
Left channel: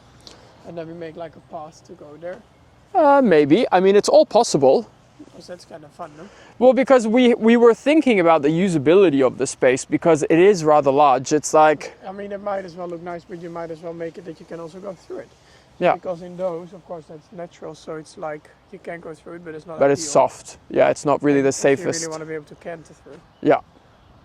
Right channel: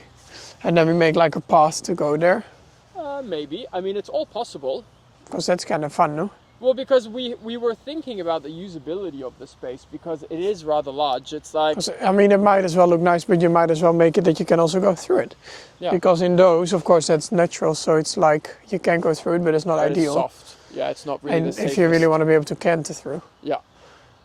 And then we make like a path to go there? Maybe. I mean, it's all possible. Because that's kind of fun, no? Well, because we were thinking about the usability of the space because it is rather large. It's like... I mean, it might as well look nice, but you might as well make it that you can also go through it. Yeah. Because in those, of course, that's natural, so it's like you can go through it, but it's not But ideal. it's soft. Yeah, it's not really And the safest. if you really want to be able to canter through, Yeah.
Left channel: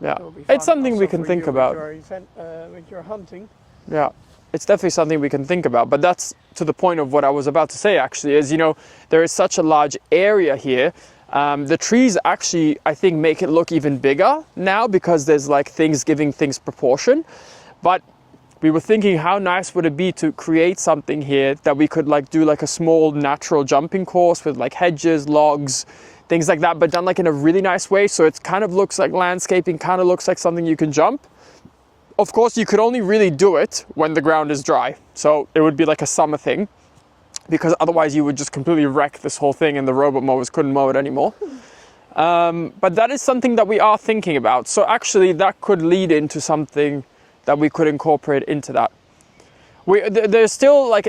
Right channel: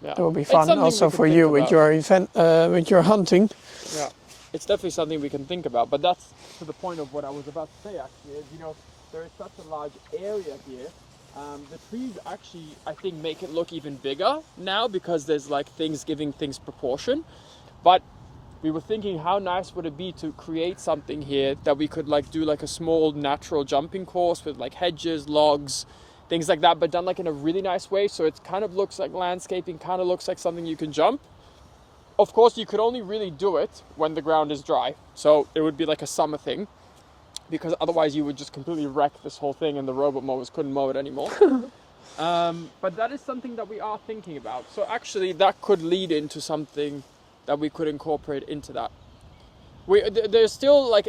Yeah. that will be fun. It's something also we can for think you about. with your event, with your hunting. Yeah. It's definitely something we can think about. But that's to the point of what I was about to say, actually, is, you know, there is such a large area here. The trees actually, I think, make it look even bigger now because there's like things giving things proportion. But we were thinking how nice would it be to create something here that we could like do like a small natural jumping course with like hedges, logs, things like that, but done like in a really nice way. So it kind of looks like landscaping, kind of looks like something you can jump. Of course, you could only really do it when the ground is dry. So it would be like a summer thing, because otherwise you would just completely wreck this whole thing and the robot mowers couldn't mow it anymore. But that is something that we are thinking about. So actually that could lead into something that we could incorporate into that. There's still like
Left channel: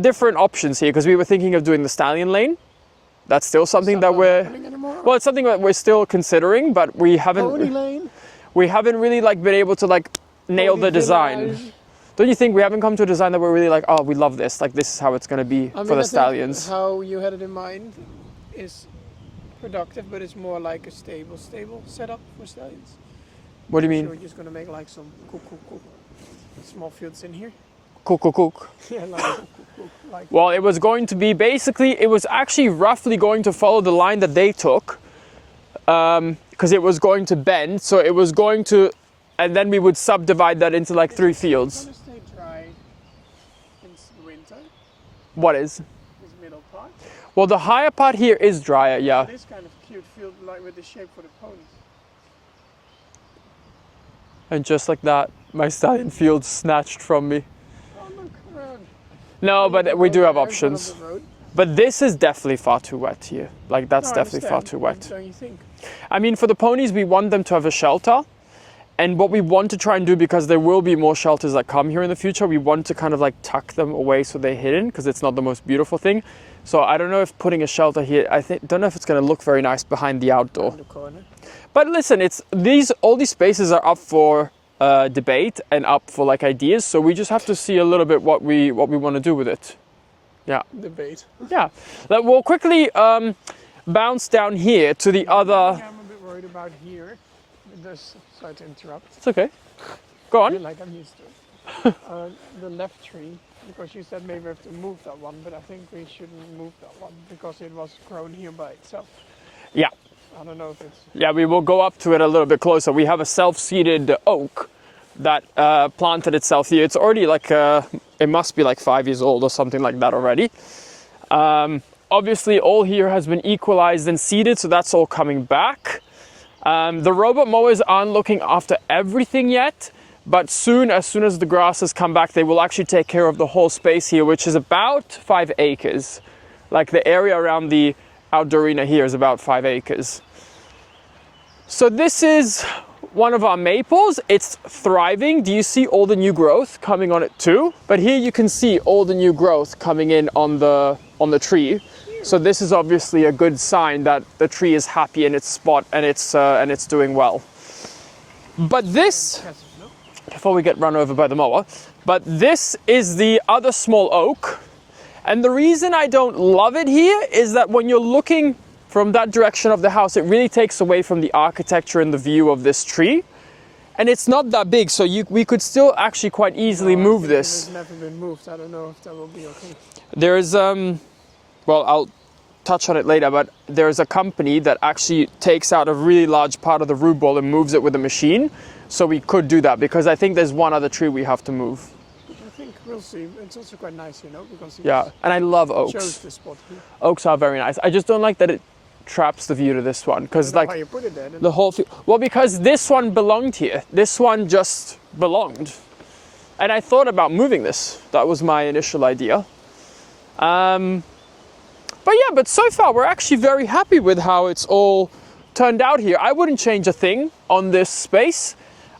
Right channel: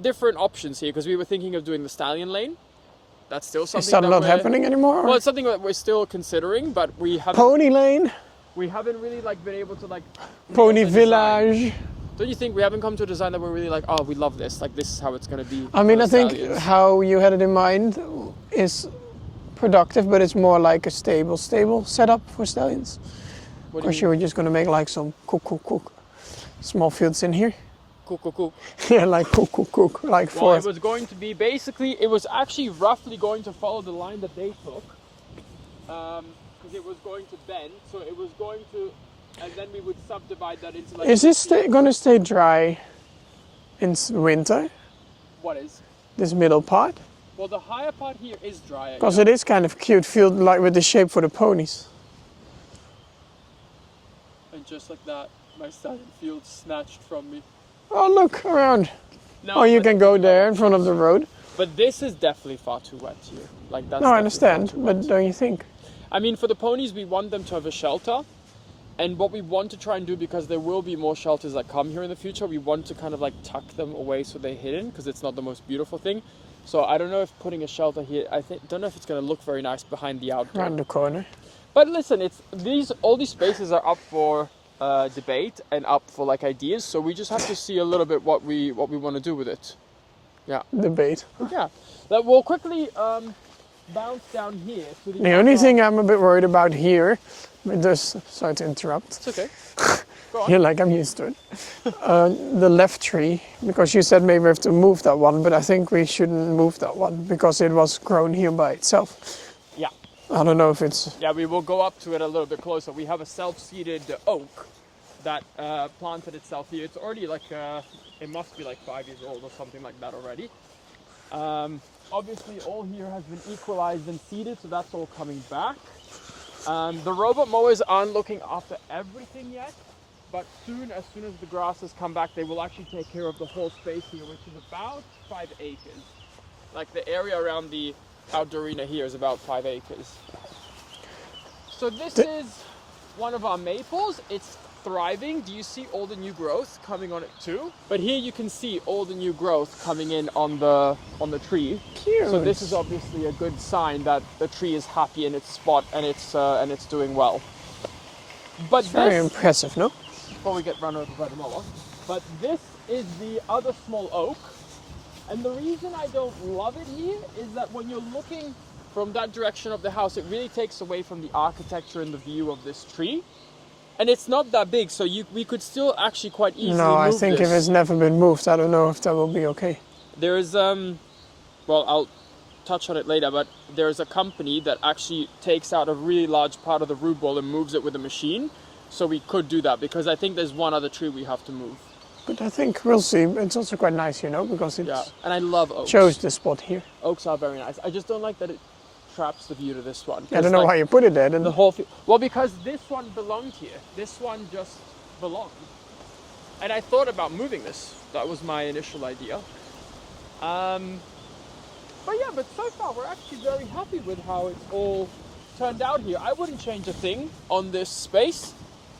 different options here because we were thinking of doing the stallion lane. That's still something Is that that not we're happening anymore? Well, it's something that we're still considering, but we haven't. Pony lane? We haven't really like been able to like nail Pony the design. village. Don't you think we haven't come to a design that we're really like, oh, we love this. Like this is how it's going to be I for mean, the I think stallions. how you had it in mind is productive, but it's more like a stable setup for stallions. What do you Because mean? you were just going to make like some cook small fields in here. Cook. Yeah, like cook. Like Well, for it was going to be basically, it was actually roughly going to follow the line that they took, because it was going to bend. So it was going to, and then we would subdivide that into like Is 3 this fields. going to stay dry in winter? What is? This middle part? Well, the higher part here is drier, Because yeah. it is kind of cute field, like with the shape for the ponies. And just like that, my stallion field snatched from me. Oh, look around. No, you but can we go do have there in front of options. the road. But this is definitely far too wet here. Like that's No, I definitely far understand. too wet. But don't you think? I mean, for the ponies, we want them to have a shelter. And what we want to try and do, because there will be more shelters that come here in the future, we want to kind of like tuck them away so they're hidden, because it's not the most beautiful thing. So I don't know if putting a shelter here, don't know if it's going to look very nice behind the outdoor. Around the corner. But listen, all these spaces are up for debate and up for like ideas. So we just have to see a little bit what we want to do with it. Yeah. Debate. Yeah. We'll quickly bounce down here to the The other... only thing I'm a bit worried about here, with this, sorry to interrupt. It's okay. Go on. Yeah, like I'm used to it. The left tree, because you said maybe we have to move that one, but I think we shouldn't move that one because it was grown here by itself. Yeah. I don't know if it's... Yeah, we will go up to it a little bit closer. We have a self-seeded oak that planted itself here. It's already like, it must be like 5 years old or something like that already. Obviously, all here has been equalized and seeded, so that's all coming back. The robot mowers aren't looking after everything yet, but as soon as the grasses come back, they will actually take care of the whole space here, which is about 5 acres. Like the area around the outdoor arena here is about 5 acres. So this is one of our maples, it's thriving. Do you see all the new growth coming on it too? But here you can see all the new growth coming in on the tree. Cute. So this is obviously a good sign that the tree is happy in its spot and it's doing well. But Very this, impressive, no? before we get run over by the mower, but this is the other small oak. And the reason I don't love it here is that when you're looking from that direction of the house, it really takes away from the architecture and the view of this tree. And it's not that big, so we could still actually quite easily move I think this. if it's never been moved, I don't know if that will be okay. There is, well, I'll touch on it later, but there is a company that actually takes out a really large part of the root ball and moves it with a machine. So we could do that, because I think there's one other tree we have to move. But I think we'll see. It's also quite nice, you know, because it And I love oaks. shows the spot here. Oaks are very nice. I just don't like that it traps the view to this one. I don't know why you put it there. Then. The whole field. Well, because this one belonged here. This one just belonged. And I thought about moving this. That was my initial idea. But so far we're actually very happy with how it's all turned out here. I wouldn't change a thing on this space.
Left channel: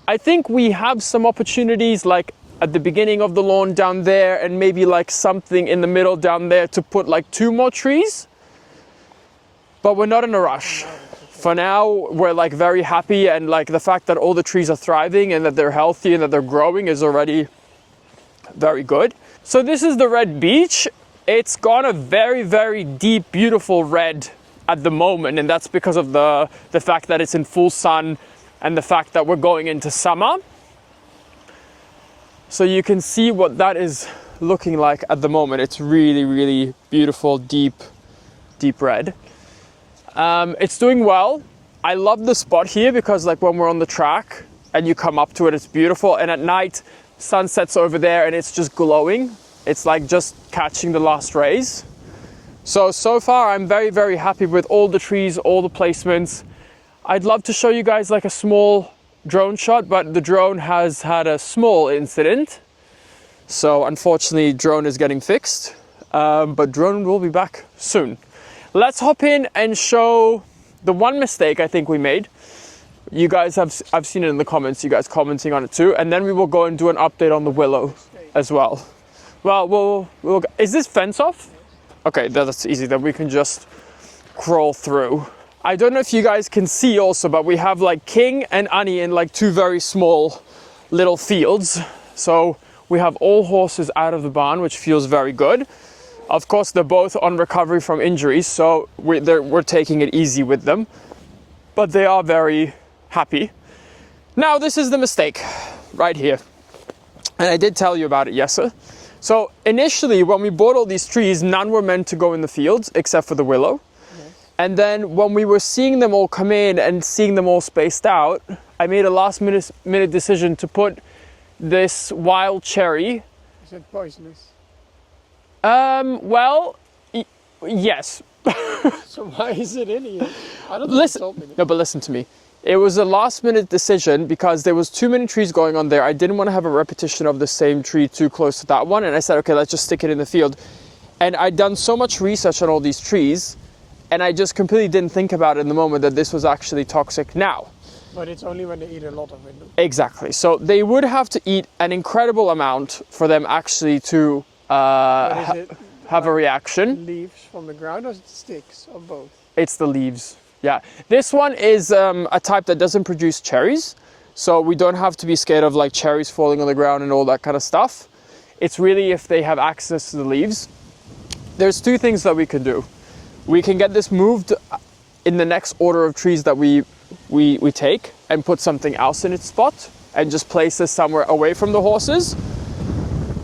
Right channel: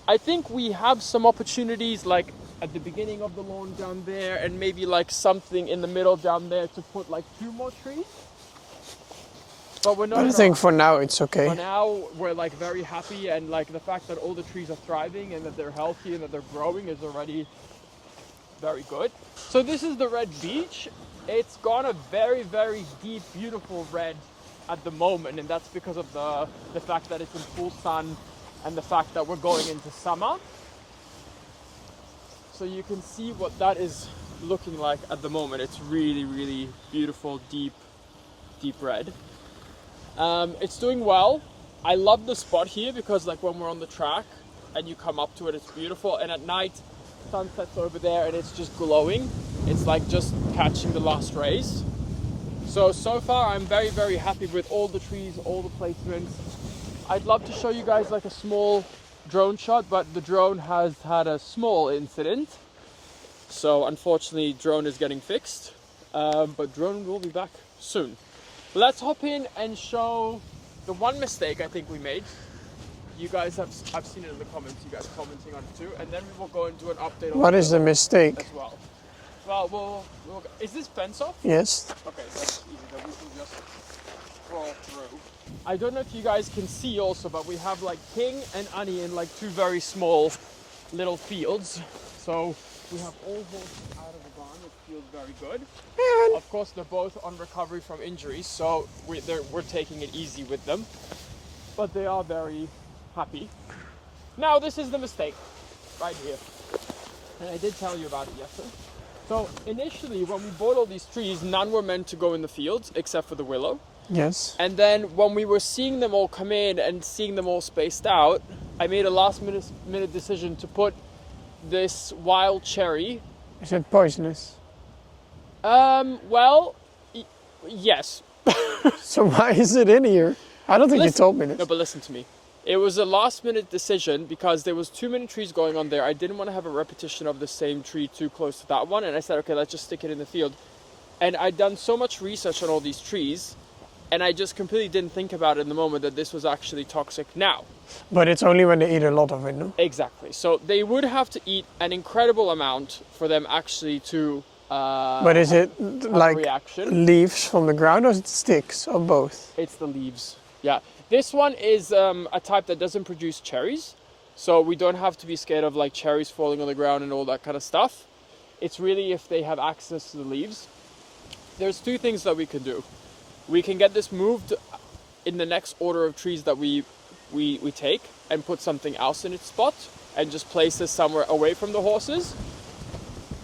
I think we have some opportunities like at the beginning of the lawn down there, and maybe like something in the middle down there to put like 2 more trees. But we're not in a rush. I think for now it's okay. For now, we're like very happy, and like the fact that all the trees are thriving and that they're healthy and that they're growing is already very good. So this is the red beech. It's gone a very, very deep, beautiful red at the moment, and that's because of the fact that it's in full sun and the fact that we're going into summer. So you can see what that is looking like at the moment. It's really, really beautiful, deep, deep red. It's doing well. I love the spot here because like when we're on the track and you come up to it, it's beautiful. And at night, sun sets over there and it's just glowing. It's like just catching the last rays. So far I'm very, very happy with all the trees, all the placements. I'd love to show you guys like a small drone shot, but the drone has had a small incident. So unfortunately, drone is getting fixed, but drone will be back soon. Let's hop in and show the one mistake I think we made. You guys I've seen it in the comments, you guys commenting on it too, and then we will go and do an update on the willow. What is the mistake? As well. Well, is this fence off? Yes. Okay, that's easy, then we can just crawl through. I don't know if you guys can see also, but we have like King and Annie in like 2 very small little fields. So we have all horses out of the barn, which feels very good. Yeah. Of course, they're both on recovery from injuries, so we're taking it easy with them. But they are very happy. Now, this is the mistake right here. And I did tell you about it, Jesse. So initially, when we bought all these trees, none were meant to go in the fields except for the willow. Yes. And then when we were seeing them all come in and seeing them all spaced out, I made a last minute decision to put this wild cherry. Is it poisonous? Well, yes. So why is it in here? I don't think you told me this. No, but listen to me. It was a last minute decision because there was too many trees going on there. I didn't want to have a repetition of the same tree too close to that one. And I said, okay, let's just stick it in the field. And I'd done so much research on all these trees, and I just completely didn't think about it in the moment that this was actually toxic now. But it's only when they eat a lot of it, no? Exactly. So they would have to eat an incredible amount for them actually to but is it have like a reaction. Leaves from the ground, or is it sticks, or both? It's the leaves. Yeah. This one is a type that doesn't produce cherries. So we don't have to be scared of like cherries falling on the ground and all that kind of stuff. It's really if they have access to the leaves. There's 2 things that we can do. We can get this moved in the next order of trees that we take and put something else in its spot and just place this somewhere away from the horses.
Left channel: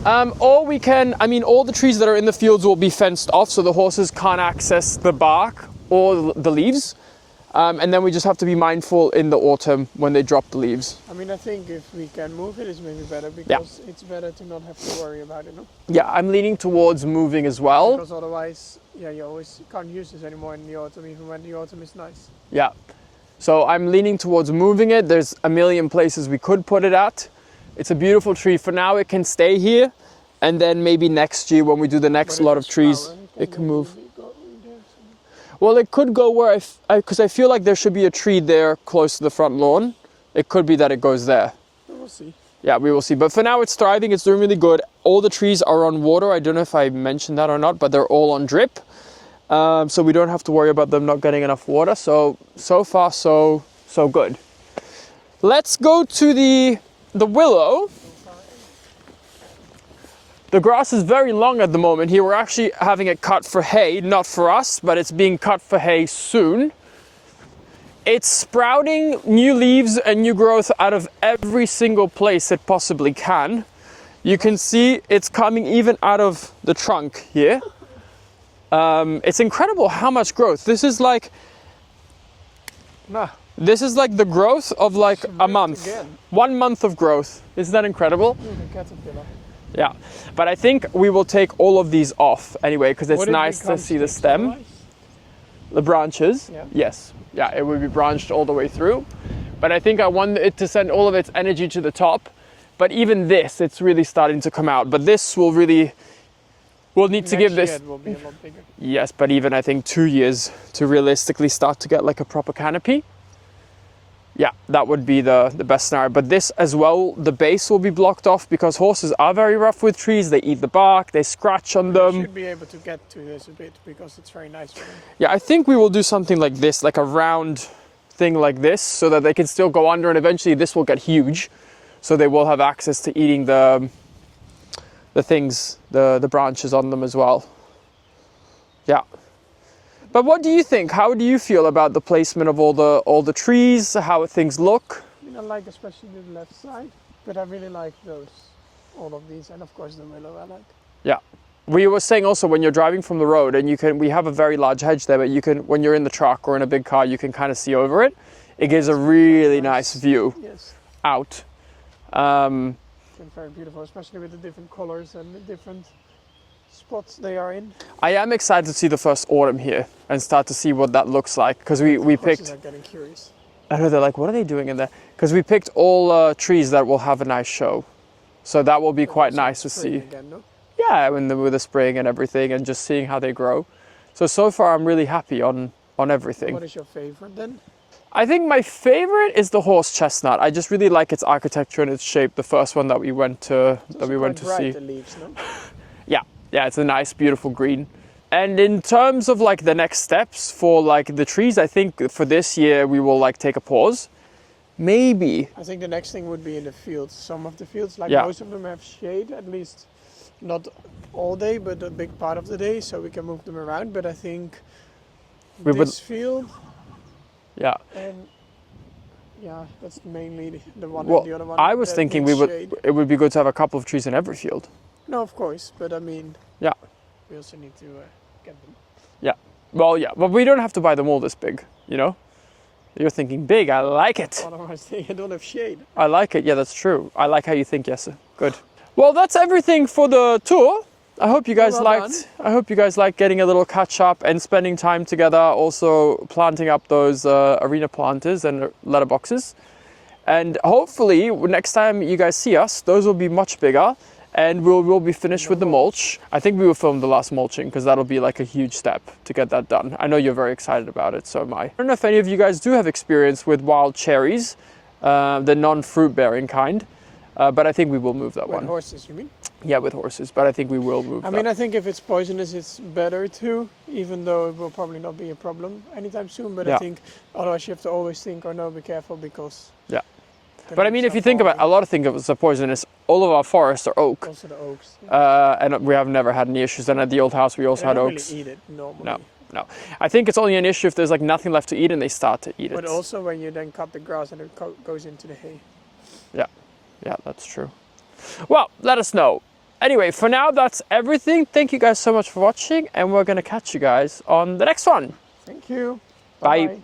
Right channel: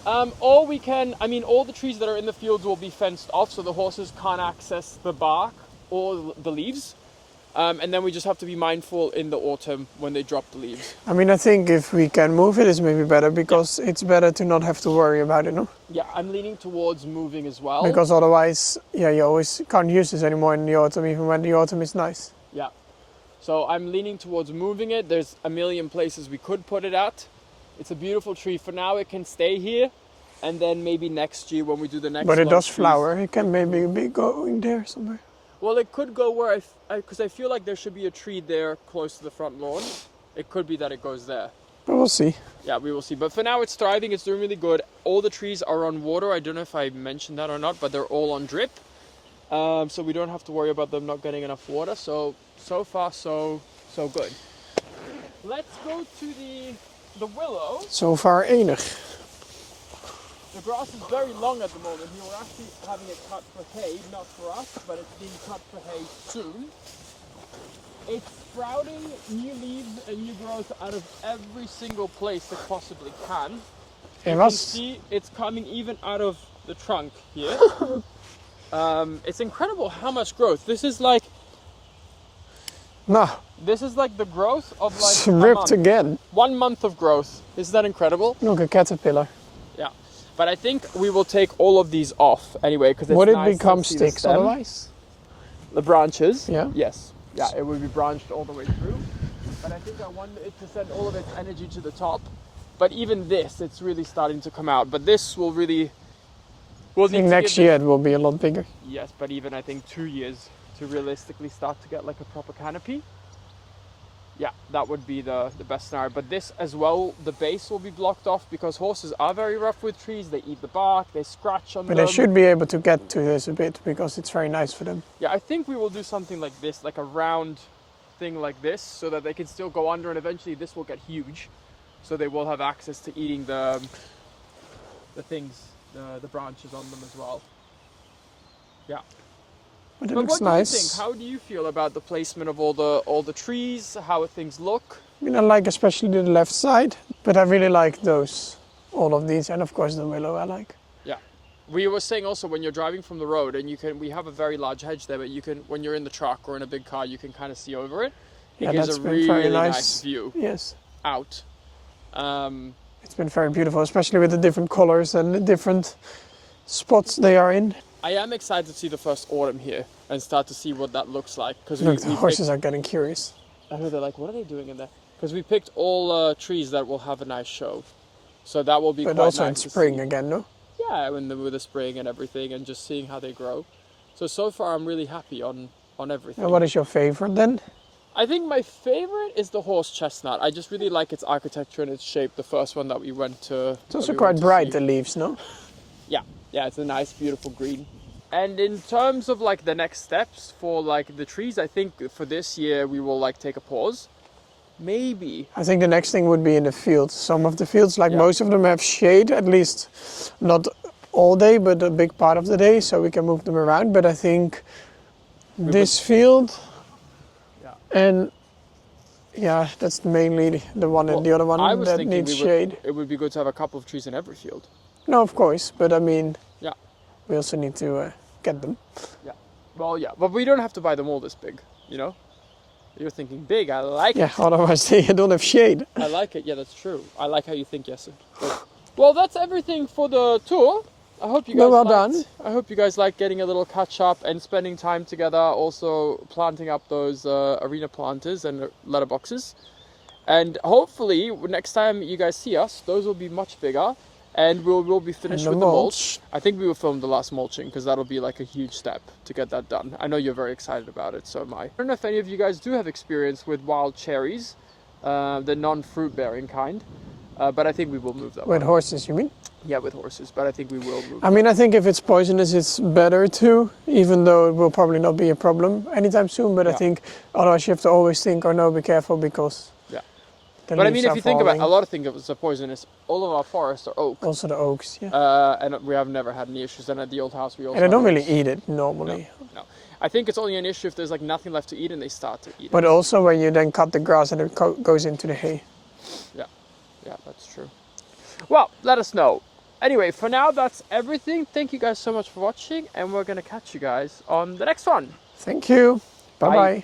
Or we can, all the trees that are in the fields will be fenced off so the horses can't access the bark or the leaves. And then we just have to be mindful in the autumn when they drop the leaves. I think if we can move it, it's maybe better because it's better to not have to worry about it, no? Yeah, I'm leaning towards moving as well. Because otherwise, you always can't use this anymore in the autumn, even when the autumn is nice. Yeah. So I'm leaning towards moving it. There's a million places we could put it at. It's a beautiful tree. For now, it can stay here. And then maybe next year when we do the next lot of trees. But it does flower. It can maybe be going there somewhere. Well, it could go where because I feel like there should be a tree there close to the front lawn. it could be that it goes there. But we'll see. Yeah, we will see. But for now, it's thriving. It's doing really good. All the trees are on water. I don't know if I mentioned that or not, but they're all on drip. So we don't have to worry about them not getting enough water. So far, so good. Let's go to the willow. So far enig. The grass is very long at the moment here. We're actually having it cut for hay, not for us, but it's being cut for hay soon. It's sprouting new leaves and new growth out of every single place it possibly can. You can see it's coming even out of the trunk here. It's incredible how much growth. This is like the growth of like a month. Again. 1 month of growth. Isn't that incredible? Look, a caterpillar. Yeah, but I think we will take all of these off anyway because it's nice to see the stem. Otherwise? The branches. Yeah. Yes. Yeah, it would be branched all the way through. But I think I want it to send all of its energy to the top. But even this, it's really starting to come out. But this will really, we'll need to give Next year this. it will be a lot bigger. Yes, but even I think 2 years to realistically start to get like a proper canopy. Yeah, that would be the best scenario. But this as well, the base will be blocked off because horses are very rough with trees. They eat the bark, they scratch on them. They should be able to get to this a bit because it's very nice for them. Yeah, I think we will do something like this, like a round thing like this, so that they can still go under, and eventually this will get huge. So they will have access to eating the things, the branches on them as well. Yeah. But what do you think? How do you feel about the placement of all the trees? How things look? I mean, I like especially the left side, but I really like all of these, and of course the willow I like. Yeah. We were saying also when you're driving from the road, and we have a very large hedge there, but you can, when you're in the truck or in a big car, you can kind of see over it. It gives a really nice view out. It's been very beautiful, especially with the different colors and the different spots they are in. I am excited to see the first autumn here and start to see what that looks like because we horses are getting curious. I know, they're like, what are they doing in there? Because we picked all trees that will have a nice show, so that will be quite nice to see. Spring again, no? Yeah, with the spring and everything, and just seeing how they grow. So far I'm really happy on everything. And what is your favorite then? I think my favorite is the horse chestnut. I just really like its architecture and its shape. The first one that we went to. It's also quite bright, the leaves, no? Yeah, it's a nice, beautiful green. And in terms of like the next steps for like the trees, I think for this year we will like take a pause. Maybe. I think the next thing would be in the fields. Some of the fields, like most of them have shade, at least not all day, but a big part of the day, so we can move them around. But I think this field, and that's mainly the one and the other one. I was thinking it would be good to have a couple of trees in every field. No, of course, but I mean, we also need to get them. Yeah, well, yeah, but we don't have to buy them all this big, you know? You're thinking big, I like it. Otherwise they don't have shade. I like it, yeah, that's true. I like how you think, Jesse. Good. Well, that's everything for the tour. I hope you guys liked. I hope you guys liked getting a little catch up and spending time together, also planting up those arena planters and letterboxes. And hopefully next time you guys see us, those will be much bigger. And we'll be finished with the mulch. I think we will film the last mulching because that'll be like a huge step to get that done. I know you're very excited about it, so am I. I don't know if any of you guys do have experience with wild cherries, the non-fruit bearing kind, but I think we will move that one. With horses, you mean? Yeah, with horses, but I think we will move I mean, I think if it's poisonous, it's better too, even though it will probably not be a problem anytime soon, but I think otherwise you have to always think, oh no, be careful because... But I mean, if you think about it, a lot of things are poisonous. All of our forests are oak. Also the oaks, and we have never had any issues. And at the old house, we also had oaks. They don't really eat it normally. No. I think it's only an issue if there's like nothing left to eat and they start to eat it. But also when you then cut the grass and it goes into the hay. Yeah, that's true. Well, let us know. Anyway, for now, that's everything. Thank you guys so much for watching, and we're going to catch you guys on the next one. Thank you. Bye-bye.